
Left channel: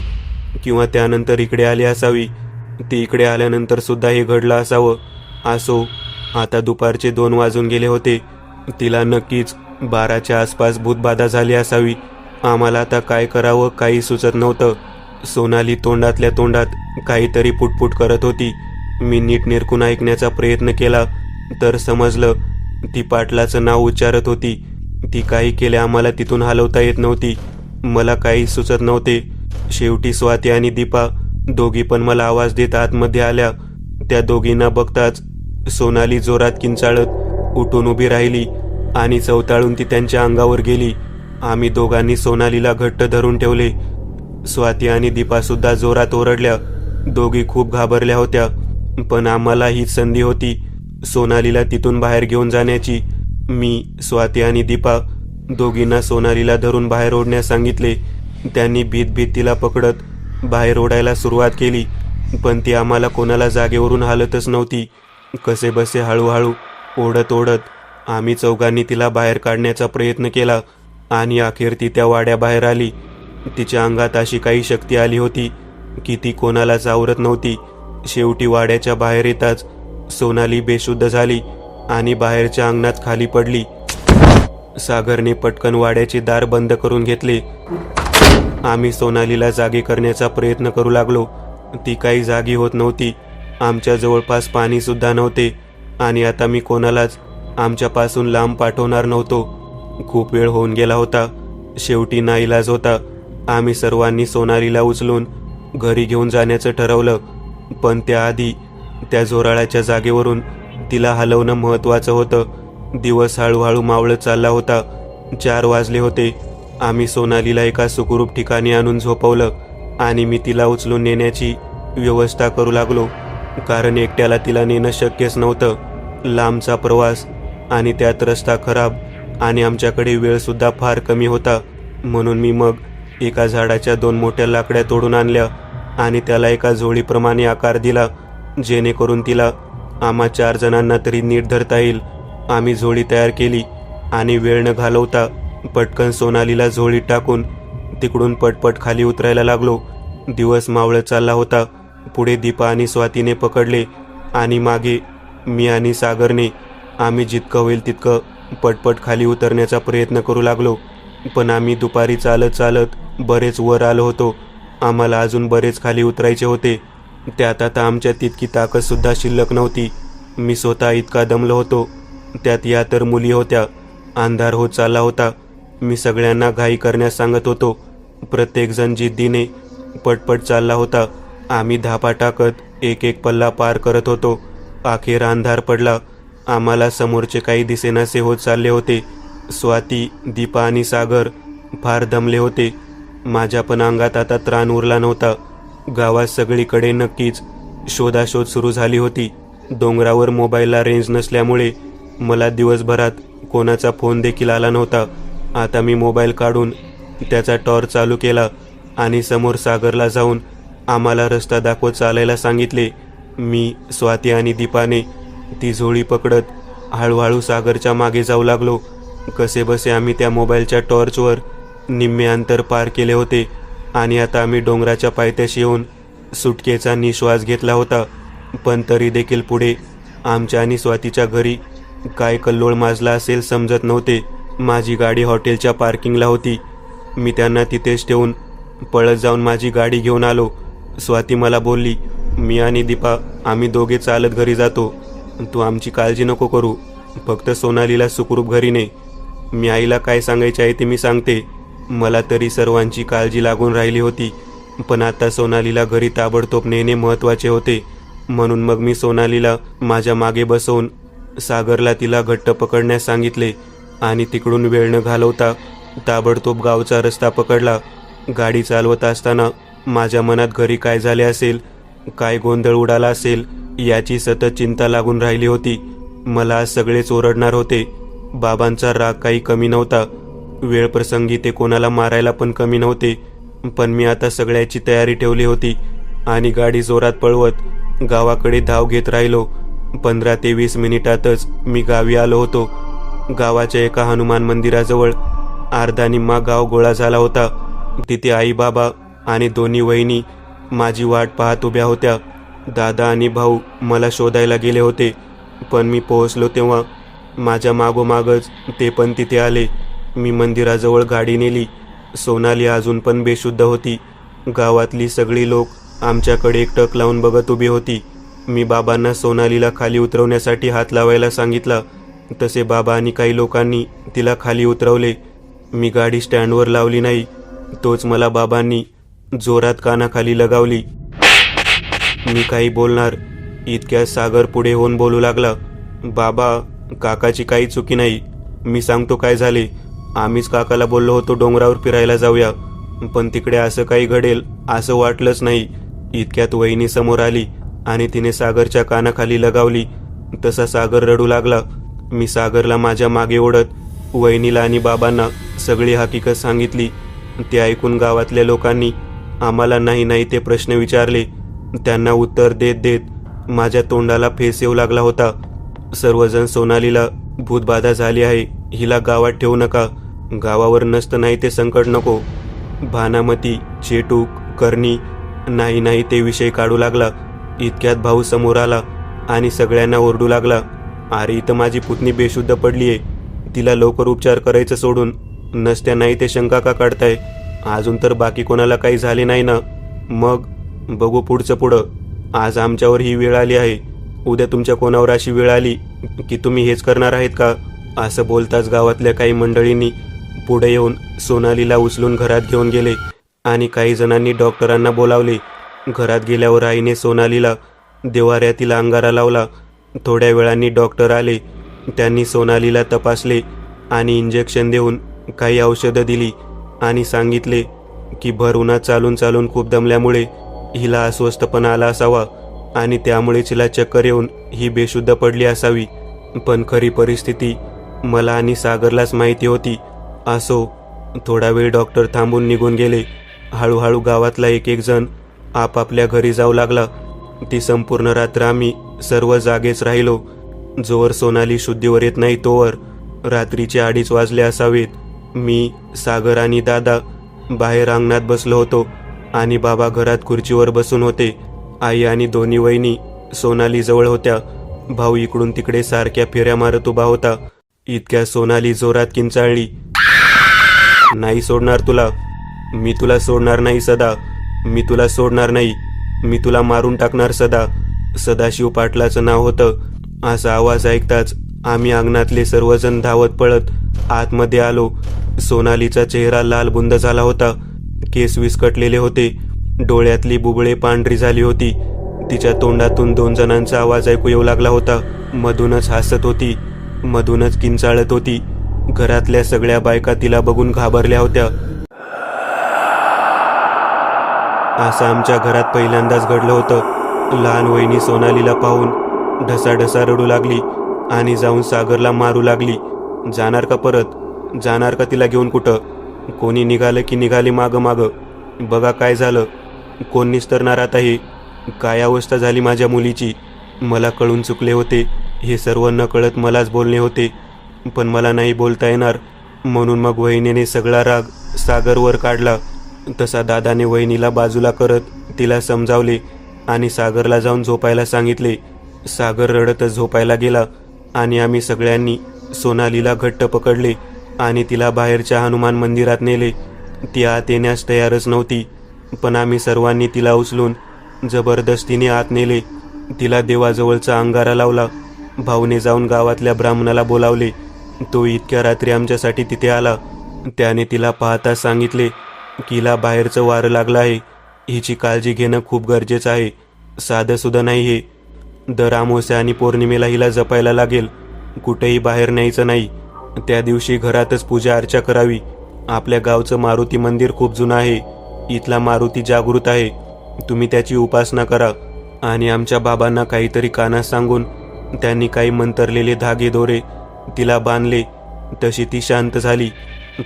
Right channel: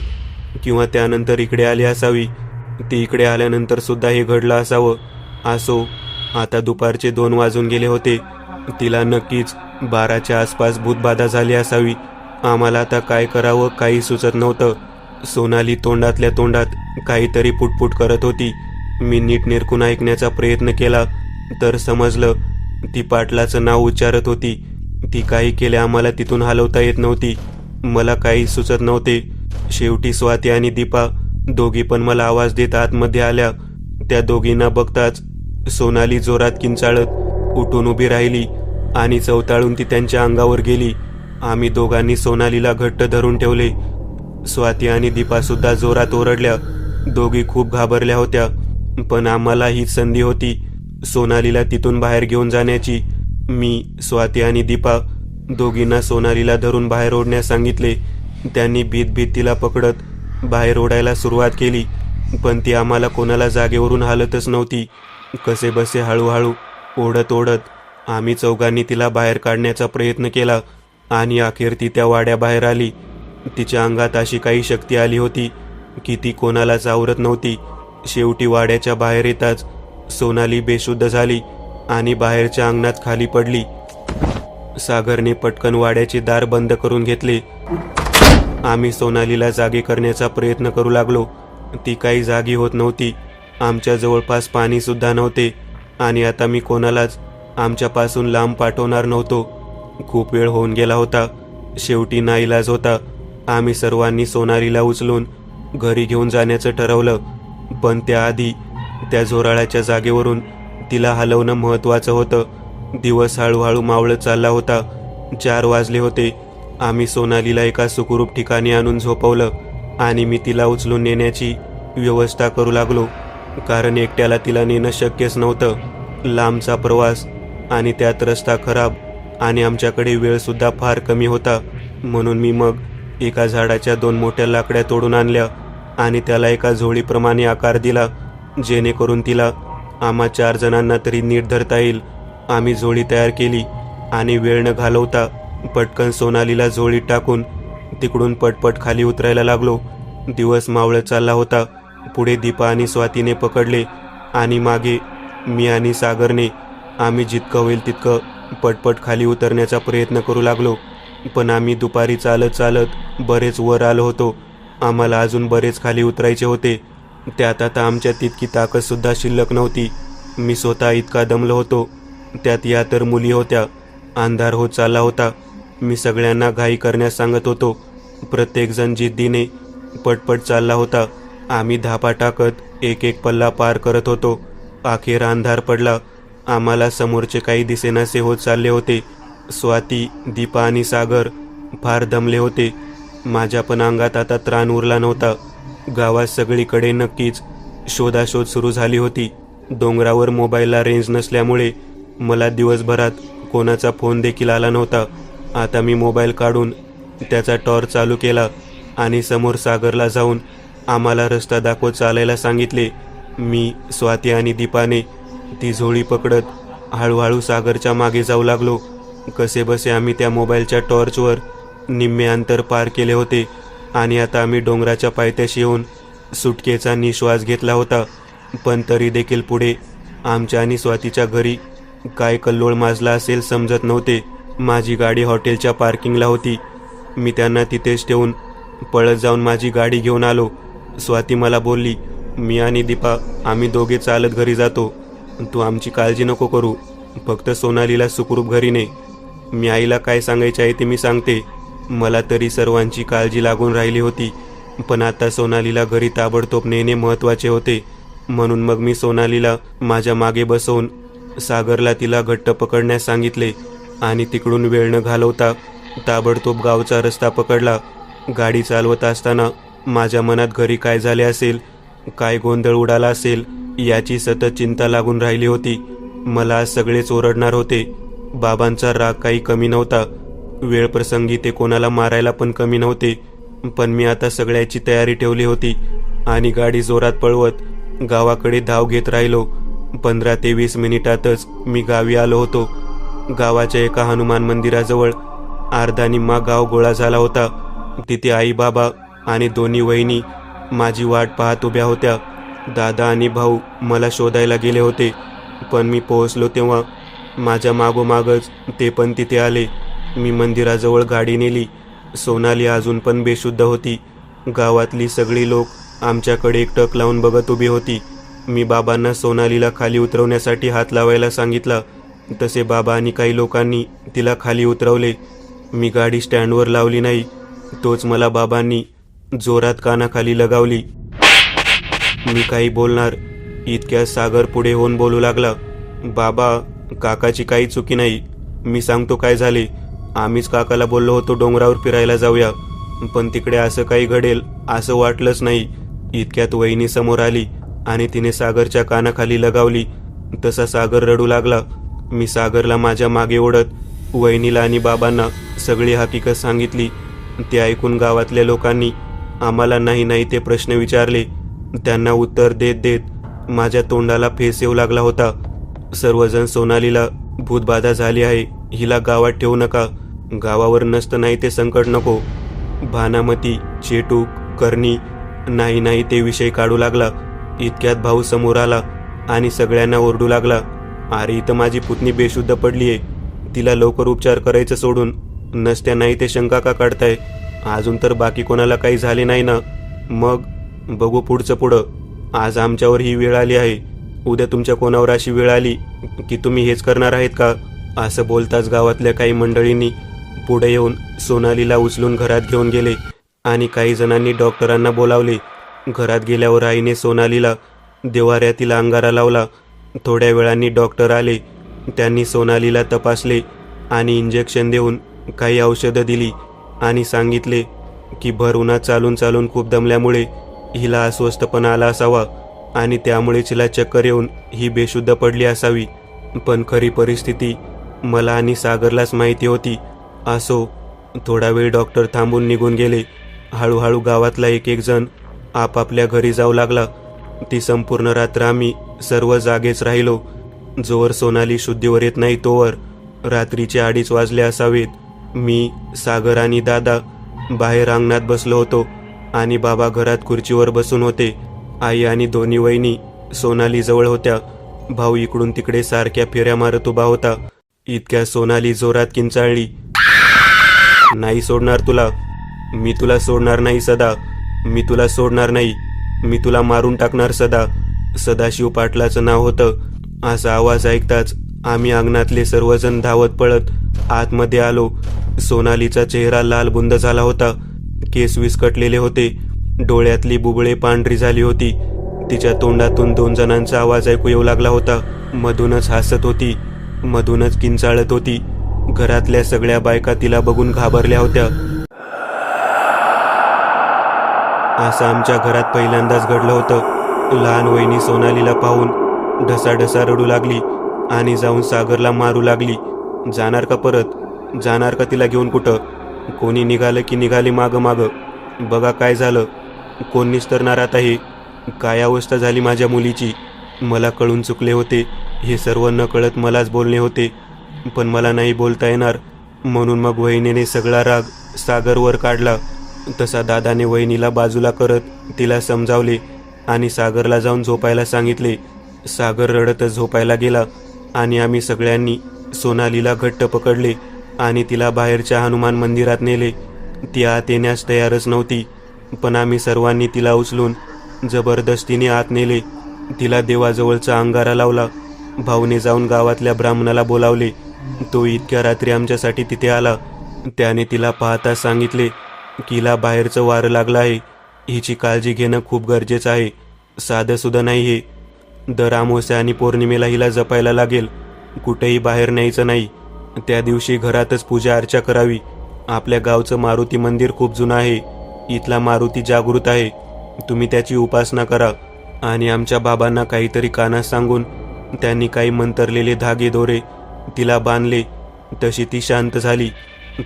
किंवा त्यानंतर इकडे आली असावी. ती इकडे आल्यानंतर सुद्धा हे घडलं असावं. असो, आता दुपारचे 2 वाजून गेले होते. तिला नक्कीच 12च्या आसपास भूतबाधा झाली असावी. आम्हाला आता काय करावं काही सुचत नव्हतं. सोनाली तोंडातल्या तोंडात काहीतरी पुटपुट करत होती. मी नीट निरखून ऐकण्याचा प्रयत्न केला तर समजलं ती पाटलाचं नाव उच्चारत होती. ती काही केले आम्हाला तिथून हलवता येत नव्हती. मला काही सुचत नव्हते. शेवटी स्वाती आणि दीपा दोघी पण मला आवाज देत आतमध्ये आल्या. त्या दोघींना बघताच सोनाली जोरात किंचाळत उठून उभी राहिली आणि चवताळून ती त्यांच्या अंगावर गेली. आम्ही दोघांनी सोनालीला घट्ट धरून ठेवले. स्वाती आणि दीपा सुद्धा जोरात ओरडल्या. दोघी खूप घाबरल्या होत्या, पण आम्हाला हीच संधी होती सोनालीला तिथून बाहेर घेऊन जाण्याची. मी, स्वाती आणि दीपा दोघींना सोनालीला धरून बाहेर ओढण्यास सांगितले. त्यांनी भीत भीत तिला पकडत बाहेर ओढायला सुरुवात केली, पण ती आम्हाला कोणाला जागेवरून हालतच नव्हती. कसे बसे हळूहळू ओढत ओढत आम्ही चौघांनी तिला बाहेर काढण्याचा प्रयत्न केला आणि अखेर ती त्या वाड्याबाहेर आली. तिच्या अंगात अशी काही शक्ती आली होती की ती कोणालाच आवरत नव्हती. शेवटी वाड्याच्या बाहेर येताच सोनाली बेशुद्ध झाली आणि बाहेरच्या अंगणात खाली पडली. सागरने पटकन वाड्याचे दार बंद करून घेतले. आम्ही सोनालीला जागी करण्याचा प्रयत्न करू लागलो. ती काही जागी होत नव्हती. आमच्या जवळपास पाणी सुद्धा नव्हते आणि आता मी कोणालाच आमच्यापासून लांब पाठवणार नव्हतो. खूप वेळ होऊन गेला होता. शेवटी नाईलाज होता. आम्ही सर्वांनी सोनालीला उचलून घरी घेऊन जाण्याचं ठरवलं, पण त्याआधी त्या झोराळ्याच्या जागेवरून तिला हलवणं महत्वाचं होतं. दिवस हळूहळू मावळत चालला होता. 4 वाजले होते. आम्ही सोनालीला एका सुखरूप ठिकाणी आणून झोपवलं आणि मी तिला उचलून नेण्याची व्यवस्था करू लागलो, कारण एकट्याला तिला नेणं शक्यच नव्हतं. लांबचा प्रवास आणि त्यात रस्ता खराब आणि आमच्याकडे वेळ सुद्धा फार कमी होता. म्हणून मी मग एका झाडाच्या 2 मोठ्या लाकड्या तोडून आणल्या आणि त्याला एका झोळीप्रमाणे आकार दिला, जेणेकरून तिला आम्हा 4 जणांना तरी नीट धरता येईल. आम्ही झोळी तयार केली आणि वेळ न घालवता पटकन सोनालीला झोळीत टाकून तिकडून पटपट खाली उतरायला लागलो. दिवस मावळत चालला होता. पुढे दीपा आणि स्वातीने पकडले आणि मागे मी आणि सागरने. आम्ही जितकं होईल तितकं पटपट खाली उतरण्याचा प्रयत्न करू लागलो, पण आम्ही दुपारी चालत चालत बरेच वर आलो होतो. आम्हाला अजून बरेच खाली उतरायचे होते. त्यात आता आमच्या तितकी ताकद सुद्धा शिल्लक नव्हती. मी स्वतः इतका दमलो होतो. त्यात या तर मुली होत्या. अंधार होत चालला होता. मी सगळ्यांना घाई करण्यास सांगत होतो. प्रत्येकजण जिद्दीने पटपट चालला होता. आम्ही धापा टाकत एक एक पल्ला पार करत होतो. अखेर अंधार पडला. आम्हाला समोरचे काही दिसेनासे होत चालले होते. स्वाती, दीपा आणि सागर फार दमले होते. माझ्या पण अंगात आता त्राण उरला नव्हता. गावात सगळीकडे नक्कीच शोधाशोध सुरू झाली होती. डोंगरावर मोबाईलला रेंज नसल्यामुळे मला दिवसभरात कोणाचा फोन देखील आला नव्हता. आता मी मोबाईल काढून त्याचा टॉर्च चालू केला आणि समोर सागरला जाऊन आम्हाला रस्ता दाखवत चालायला सांगितले. मी, स्वाती आणि दीपाने ती झोळी पकडत हळूहळू सागरच्या मागे जाऊ लागलो. कसेबसे आम्ही त्या मोबाईलच्या टॉर्चवर निम्मे अंतर पार केले होते आणि आता आम्ही डोंगराच्या पायथ्याशी येऊन सुटकेचा निश्वास घेतला होता. पण तरी देखील पुढे आमच्या आणि स्वातीच्या घरी काय कल्लोळ माजला असेल समजत नव्हते. माझी गाडी हॉटेलच्या पार्किंगला होती. मी त्यांना तिथेच ठेवून पळत जाऊन माझी गाडी घेऊन आलो. स्वाती मला बोलली, मी आणि दीपा आम्ही दोघे चालत घरी जातो, तू आमची काळजी नको करू. फक्त सोनालीला सुखरूप घरी ने. मी आईला काय सांगायचे आहे ते मी सांगते. मला तरी सर्वांची काळजी लागून राहिली होती, पण आता सोनालीला घरी ताबडतोब नेणे महत्त्वाचे होते. म्हणून मग मी सोनालीला माझ्या मागे बसवून सागरला तिला घट्ट पकडण्यास सांगितले आणि तिकडून वेळ न घालवता ताबडतोब गावचा रस्ता पकडला. गाडी चालवत असताना माझ्या मनात घरी काय झाले असेल, काय गोंधळ उडाला असेल याची सतत चिंता लागून राहिली होती. मला सगळेच ओरडणार होते. बाबांचा राग काही कमी नव्हता. वेळ प्रसंगी ते कोणाला मारायला पण कमी नव्हते. पण मी आता सगळ्याची तयारी ठेवली होती आणि गाडी जोरात पळवत गावाकडे धाव घेत राहिलो. 15 ते 20 मिनिटातच मी गावी आलो होतो. गावाच्या एका हनुमान मंदिराजवळ अर्धा निम्मा गाव गोळा झाला होता. तिथे आई बाबा आणि दोन्ही वहिनी माझी वाट पाहत उभ्या होत्या. दादा आणि भाऊ मला शोधायला गेले होते, पण मी पोहोचलो तेव्हा माझ्या मागोमागच ते पण तिथे आले. मी मंदिराजवळ गाडी नेली. सोनाली अजून पण बेशुद्ध होती. गावातली सगळी लोक आमच्याकडे एकटक लावून बघत उभी होती. मी बाबांना सोनालीला खाली उतरवण्यासाठी हात लावायला सांगितला. तसे बाबा आणि काही लोकांनी तिला खाली उतरवले. मी गाडी स्टँडवर लावली नाही, तोच मला बाबांनी जोरात कानाखाली लगावली. मी काही बोलणार इतक्या सागर पुढे होऊन बोलू लागला. बाबा, काकाची काही चुकी नाही. मी सांगतो काय झाले. आम्हीच काकाला बोललो होतो डोंगरावर फिरायला जाऊया, पण तिकडे असं काही घडेल असं वाटलंच नाही. इतक्यात वहिनी समोर आली आणि तिने सागरच्या कानाखाली लगावली. तसा सागर रडू लागला. मी सागरला माझ्या मागे ओढत वहिनीला आणि बाबांना सगळी हकीकत सांगितली. ते ऐकून गावातल्या लोकांनी आम्हाला नाही नाही ते प्रश्न विचारले. त्यांना उत्तर देत देत माझ्या तोंडाला फेस येऊ लागला होता. सर्वजण सोनालीला भूतबाधा झाली आहे, हिला गावात ठेवू नका, गावावर नसतं नाही ते संकट नको. भानामती, चेटूक, करणी नाही नाही ते विषय काढू लागला. इतक्यात भाऊ समोर आला आणि सगळ्यांना ओरडू लागला, अरे इथं माझी पुतणी बेशुद्ध पडलीये, तिला लवकर उपचार करायचं सोडून नसत्या नाही ते शंका का काढताय? अजून तर बाकी कोणाला काही झाले नाही ना? मग बघू पुढचं पुढं. आज आमच्यावर ही वेळ आली आहे, उद्या तुमच्या कोणावर अशी वेळ आली की तुम्ही हेच करणार आहेत का? असं बोलताच गावातल्या काही मंडळींनी पुढे येऊन सोनालीला उचलून घरात घेऊन गेले आणि काही जणांनी डॉक्टरांना बोलावले. घरात गेल्यावर आईने सोनालीला देवाऱ्यातील अंगारा लावला. थोड्या वेळांनी डॉक्टर आले. त्यांनी सोनालीला तपासले आणि इंजेक्शन देऊन काही औषधं दिली आणि सांगितले की भर उन्हात चालून चालून खूप दमल्यामुळे हिला अस्वस्थपणा आला असावा आणि त्यामुळे तिला चक्कर येऊन ही बेशुद्ध पडली असावी. पण खरी परिस्थिती मला आणि सागरलाच माहिती होती. असो, थोडा वेळ डॉक्टर थांबून निघून गेले. हळूहळू गावातला एक एक जण आपापल्या घरी जाऊ लागला. ती संपूर्ण रात्र आम्ही सर्व जागेच राहिलो. जोवर सोनाली शुद्धीवर येत नाही तोवर. रात्रीचे 2:30 वाजले असावेत. मी, सागर आणि दादा बाहेर अंगणात बसलो होतो आणि बाबा घरात खुर्चीवर बसून होते. आई आणि दोन्ही वहिनी सोनाली जवळ होत्या. भाऊ इकडून तिकडे सारख्या फेऱ्या मारत उभा होता. इतक्या सोनाली जोरात किंचाळली, नाही सोडणार तुला, मी तुला सोडणार नाही सदा, मी तुला सोडणार नाही, मी तुला मारून टाकणार सदा. सदाशिव पाटलाचं नाव होतं. असा आवाज ऐकताच आम्ही अंगणातले सर्वजण धावत पळत आतमध्ये आलो. सोनालीचा चेहरा लालबुंद झाला होता. केस विस्कटलेले होते. डोळ्यातली बुबळे पांढरी झाली होती. तिच्या तोंडातून 2 जणांचा आवाज ऐकू येऊ लागला होता. मधूनच हसत होती, मधूनच किंचाळत होती. घरातल्या सगळ्या बायका तिला बघून घाबरल्या होत्या. असं आमच्या घरात पहिल्यांदाच घडलं होतं. लहान वहिनी सोनालीला पाहून ढसाढसा रडू लागली आणि जाऊन सागरला मारू लागली. जाणार का परत? जाणार का तिला घेऊन कुठं? कोणी निघालं की निघाली मागं मागं. बघा काय झालं, कोण निस्तरणार आता हे? काय अवस्था झाली माझ्या मुलीची. मला कळून चुकले होते. हे सर्व न कळत मलाच बोलणे होते, पण मला नाही बोलता येणार. म्हणून मग वहिनीने सगळा राग सागरवर काढला. तसा दादाने वहिनीला बाजूला करत तिला समजावले आणि सागरला जाऊन झोपायला सांगितले. सागर रडतच झोपायला गेला आणि आम्ही सगळ्यांनी सोनालीला घट्ट पकडले आणि तिला बाहेरच्या हनुमान मंदिरात नेले. ती आत येण्यास तयारच नव्हती, पण आम्ही सर्वांनी तिला उचलून जबरदस्तीने आत नेले. तिला देवाजवळचा अंगारा लावला भाऊने जाऊन गावातल्या ब्राह्मणाला बोलावले. तो इतक्या रात्री आमच्यासाठी तिथे आला. त्याने तिला पाहता सांगितले की हिला बाहेरचं वारं लागलं आहे, हिची काळजी घेणं खूप गरजेचं आहे. साधं सुद्धा नाही हे. दर अमावस्या आणि पौर्णिमेला हिला जपायला लागेल. कुठेही बाहेर न्यायचं नाही. त्या दिवशी घरातच पूजा अर्चा करावी. आपल्या गावचं मारुती मंदिर खूप जुनं आहे. इथला मारुती जागृत आहे. तुम्ही त्याची उपासना करा. आणि आमच्या बाबांना काहीतरी कानास सांगून त्यांनी काही मंतरलेले धागे दोरे तिला बांधले. तशी ती शांत झाली.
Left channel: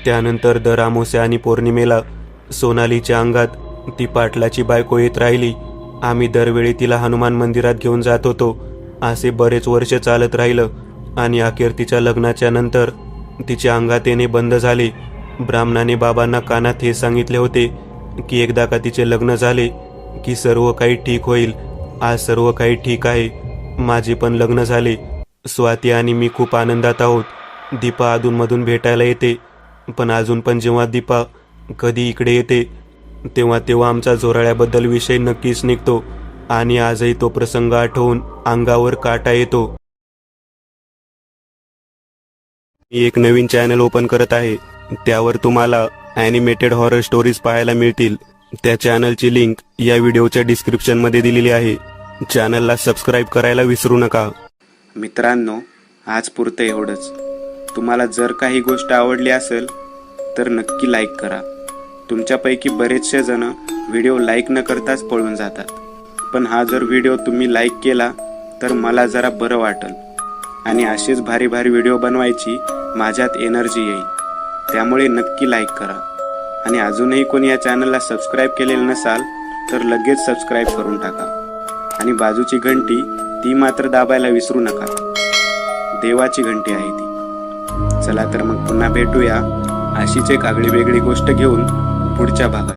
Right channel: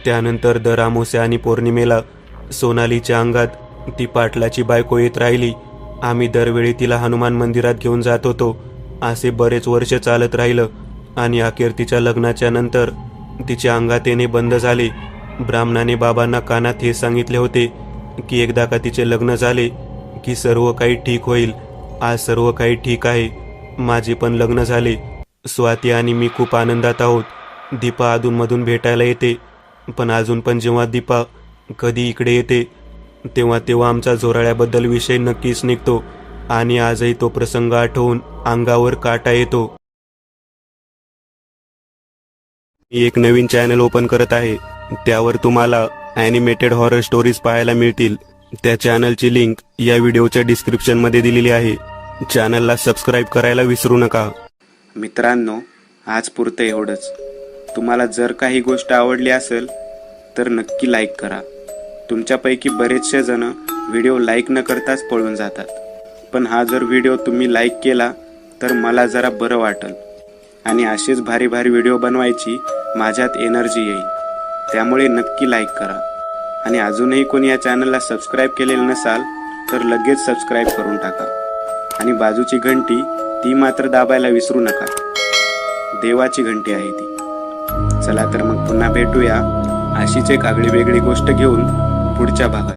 त्यानंतर दर अमावस्या आणि पौर्णिमेला सोनालीच्या अंगात ती पाटलाची बायको येत राहिली. आम्ही दरवेळी तिला हनुमान मंदिरात घेऊन जात होतो. असे बरेच वर्ष चालत राहिलं आणि अखेर तिच्या लग्नाच्या नंतर तिच्या अंगात येणे बंद झाले. ब्राह्मणाने बाबांना कानात हे सांगितले होते की एकदा का तिचे लग्न झाले की सर्व काही ठीक होईल. आज सर्व काही ठीक आहे. माझे पण लग्न झाले. स्वाती आणि मी खूप आनंदात आहोत. दीपा अधूनमधून भेटायला येते, पण अजून पण जेव्हा दीपा कधी इकडे येते तेव्हा आमचा झोराळ्याबद्दल विषय नक्कीच निघतो आणि आजही तो प्रसंग आठवून अंगावर काटा येतो. मी एक नवीन चॅनल ओपन करत आहे. त्यावर तुम्हाला ॲनिमेटेड हॉरर स्टोरीज पाहायला मिळतील. त्या चॅनलची लिंक या व्हिडिओच्या डिस्क्रिप्शनमध्ये दिलेली आहे. चॅनलला सबस्क्राईब करायला विसरू नका. मित्रांनो, आज पुरतं एवढंच. तुम्हाला जर काही गोष्ट आवडली असेल तर नक्की लाईक करा. तुमच्यापैकी बरेचसे जण व्हिडिओ लाईक न करताच पळून जातात, पण हा जर व्हिडिओ तुम्ही लाईक केला तर मला जरा बरं वाटेल आणि असेच भारी भारी व्हिडिओ बनवायची माझ्यात एनर्जी येईल. त्यामुळे नक्की लाईक करा. आणि अजूनही कोणी या चॅनलला सबस्क्राईब केलेलं नसाल तर लगेच सबस्क्राईब करून टाका. आणि बाजूची घंटी ती मात्र दाबायला विसरू नका. देवाची घंटी आहे ती. चला तर मग पुन्हा भेटूया अशीच एक आगळी वेगळी गोष्ट घेऊन पुढच्या भागात.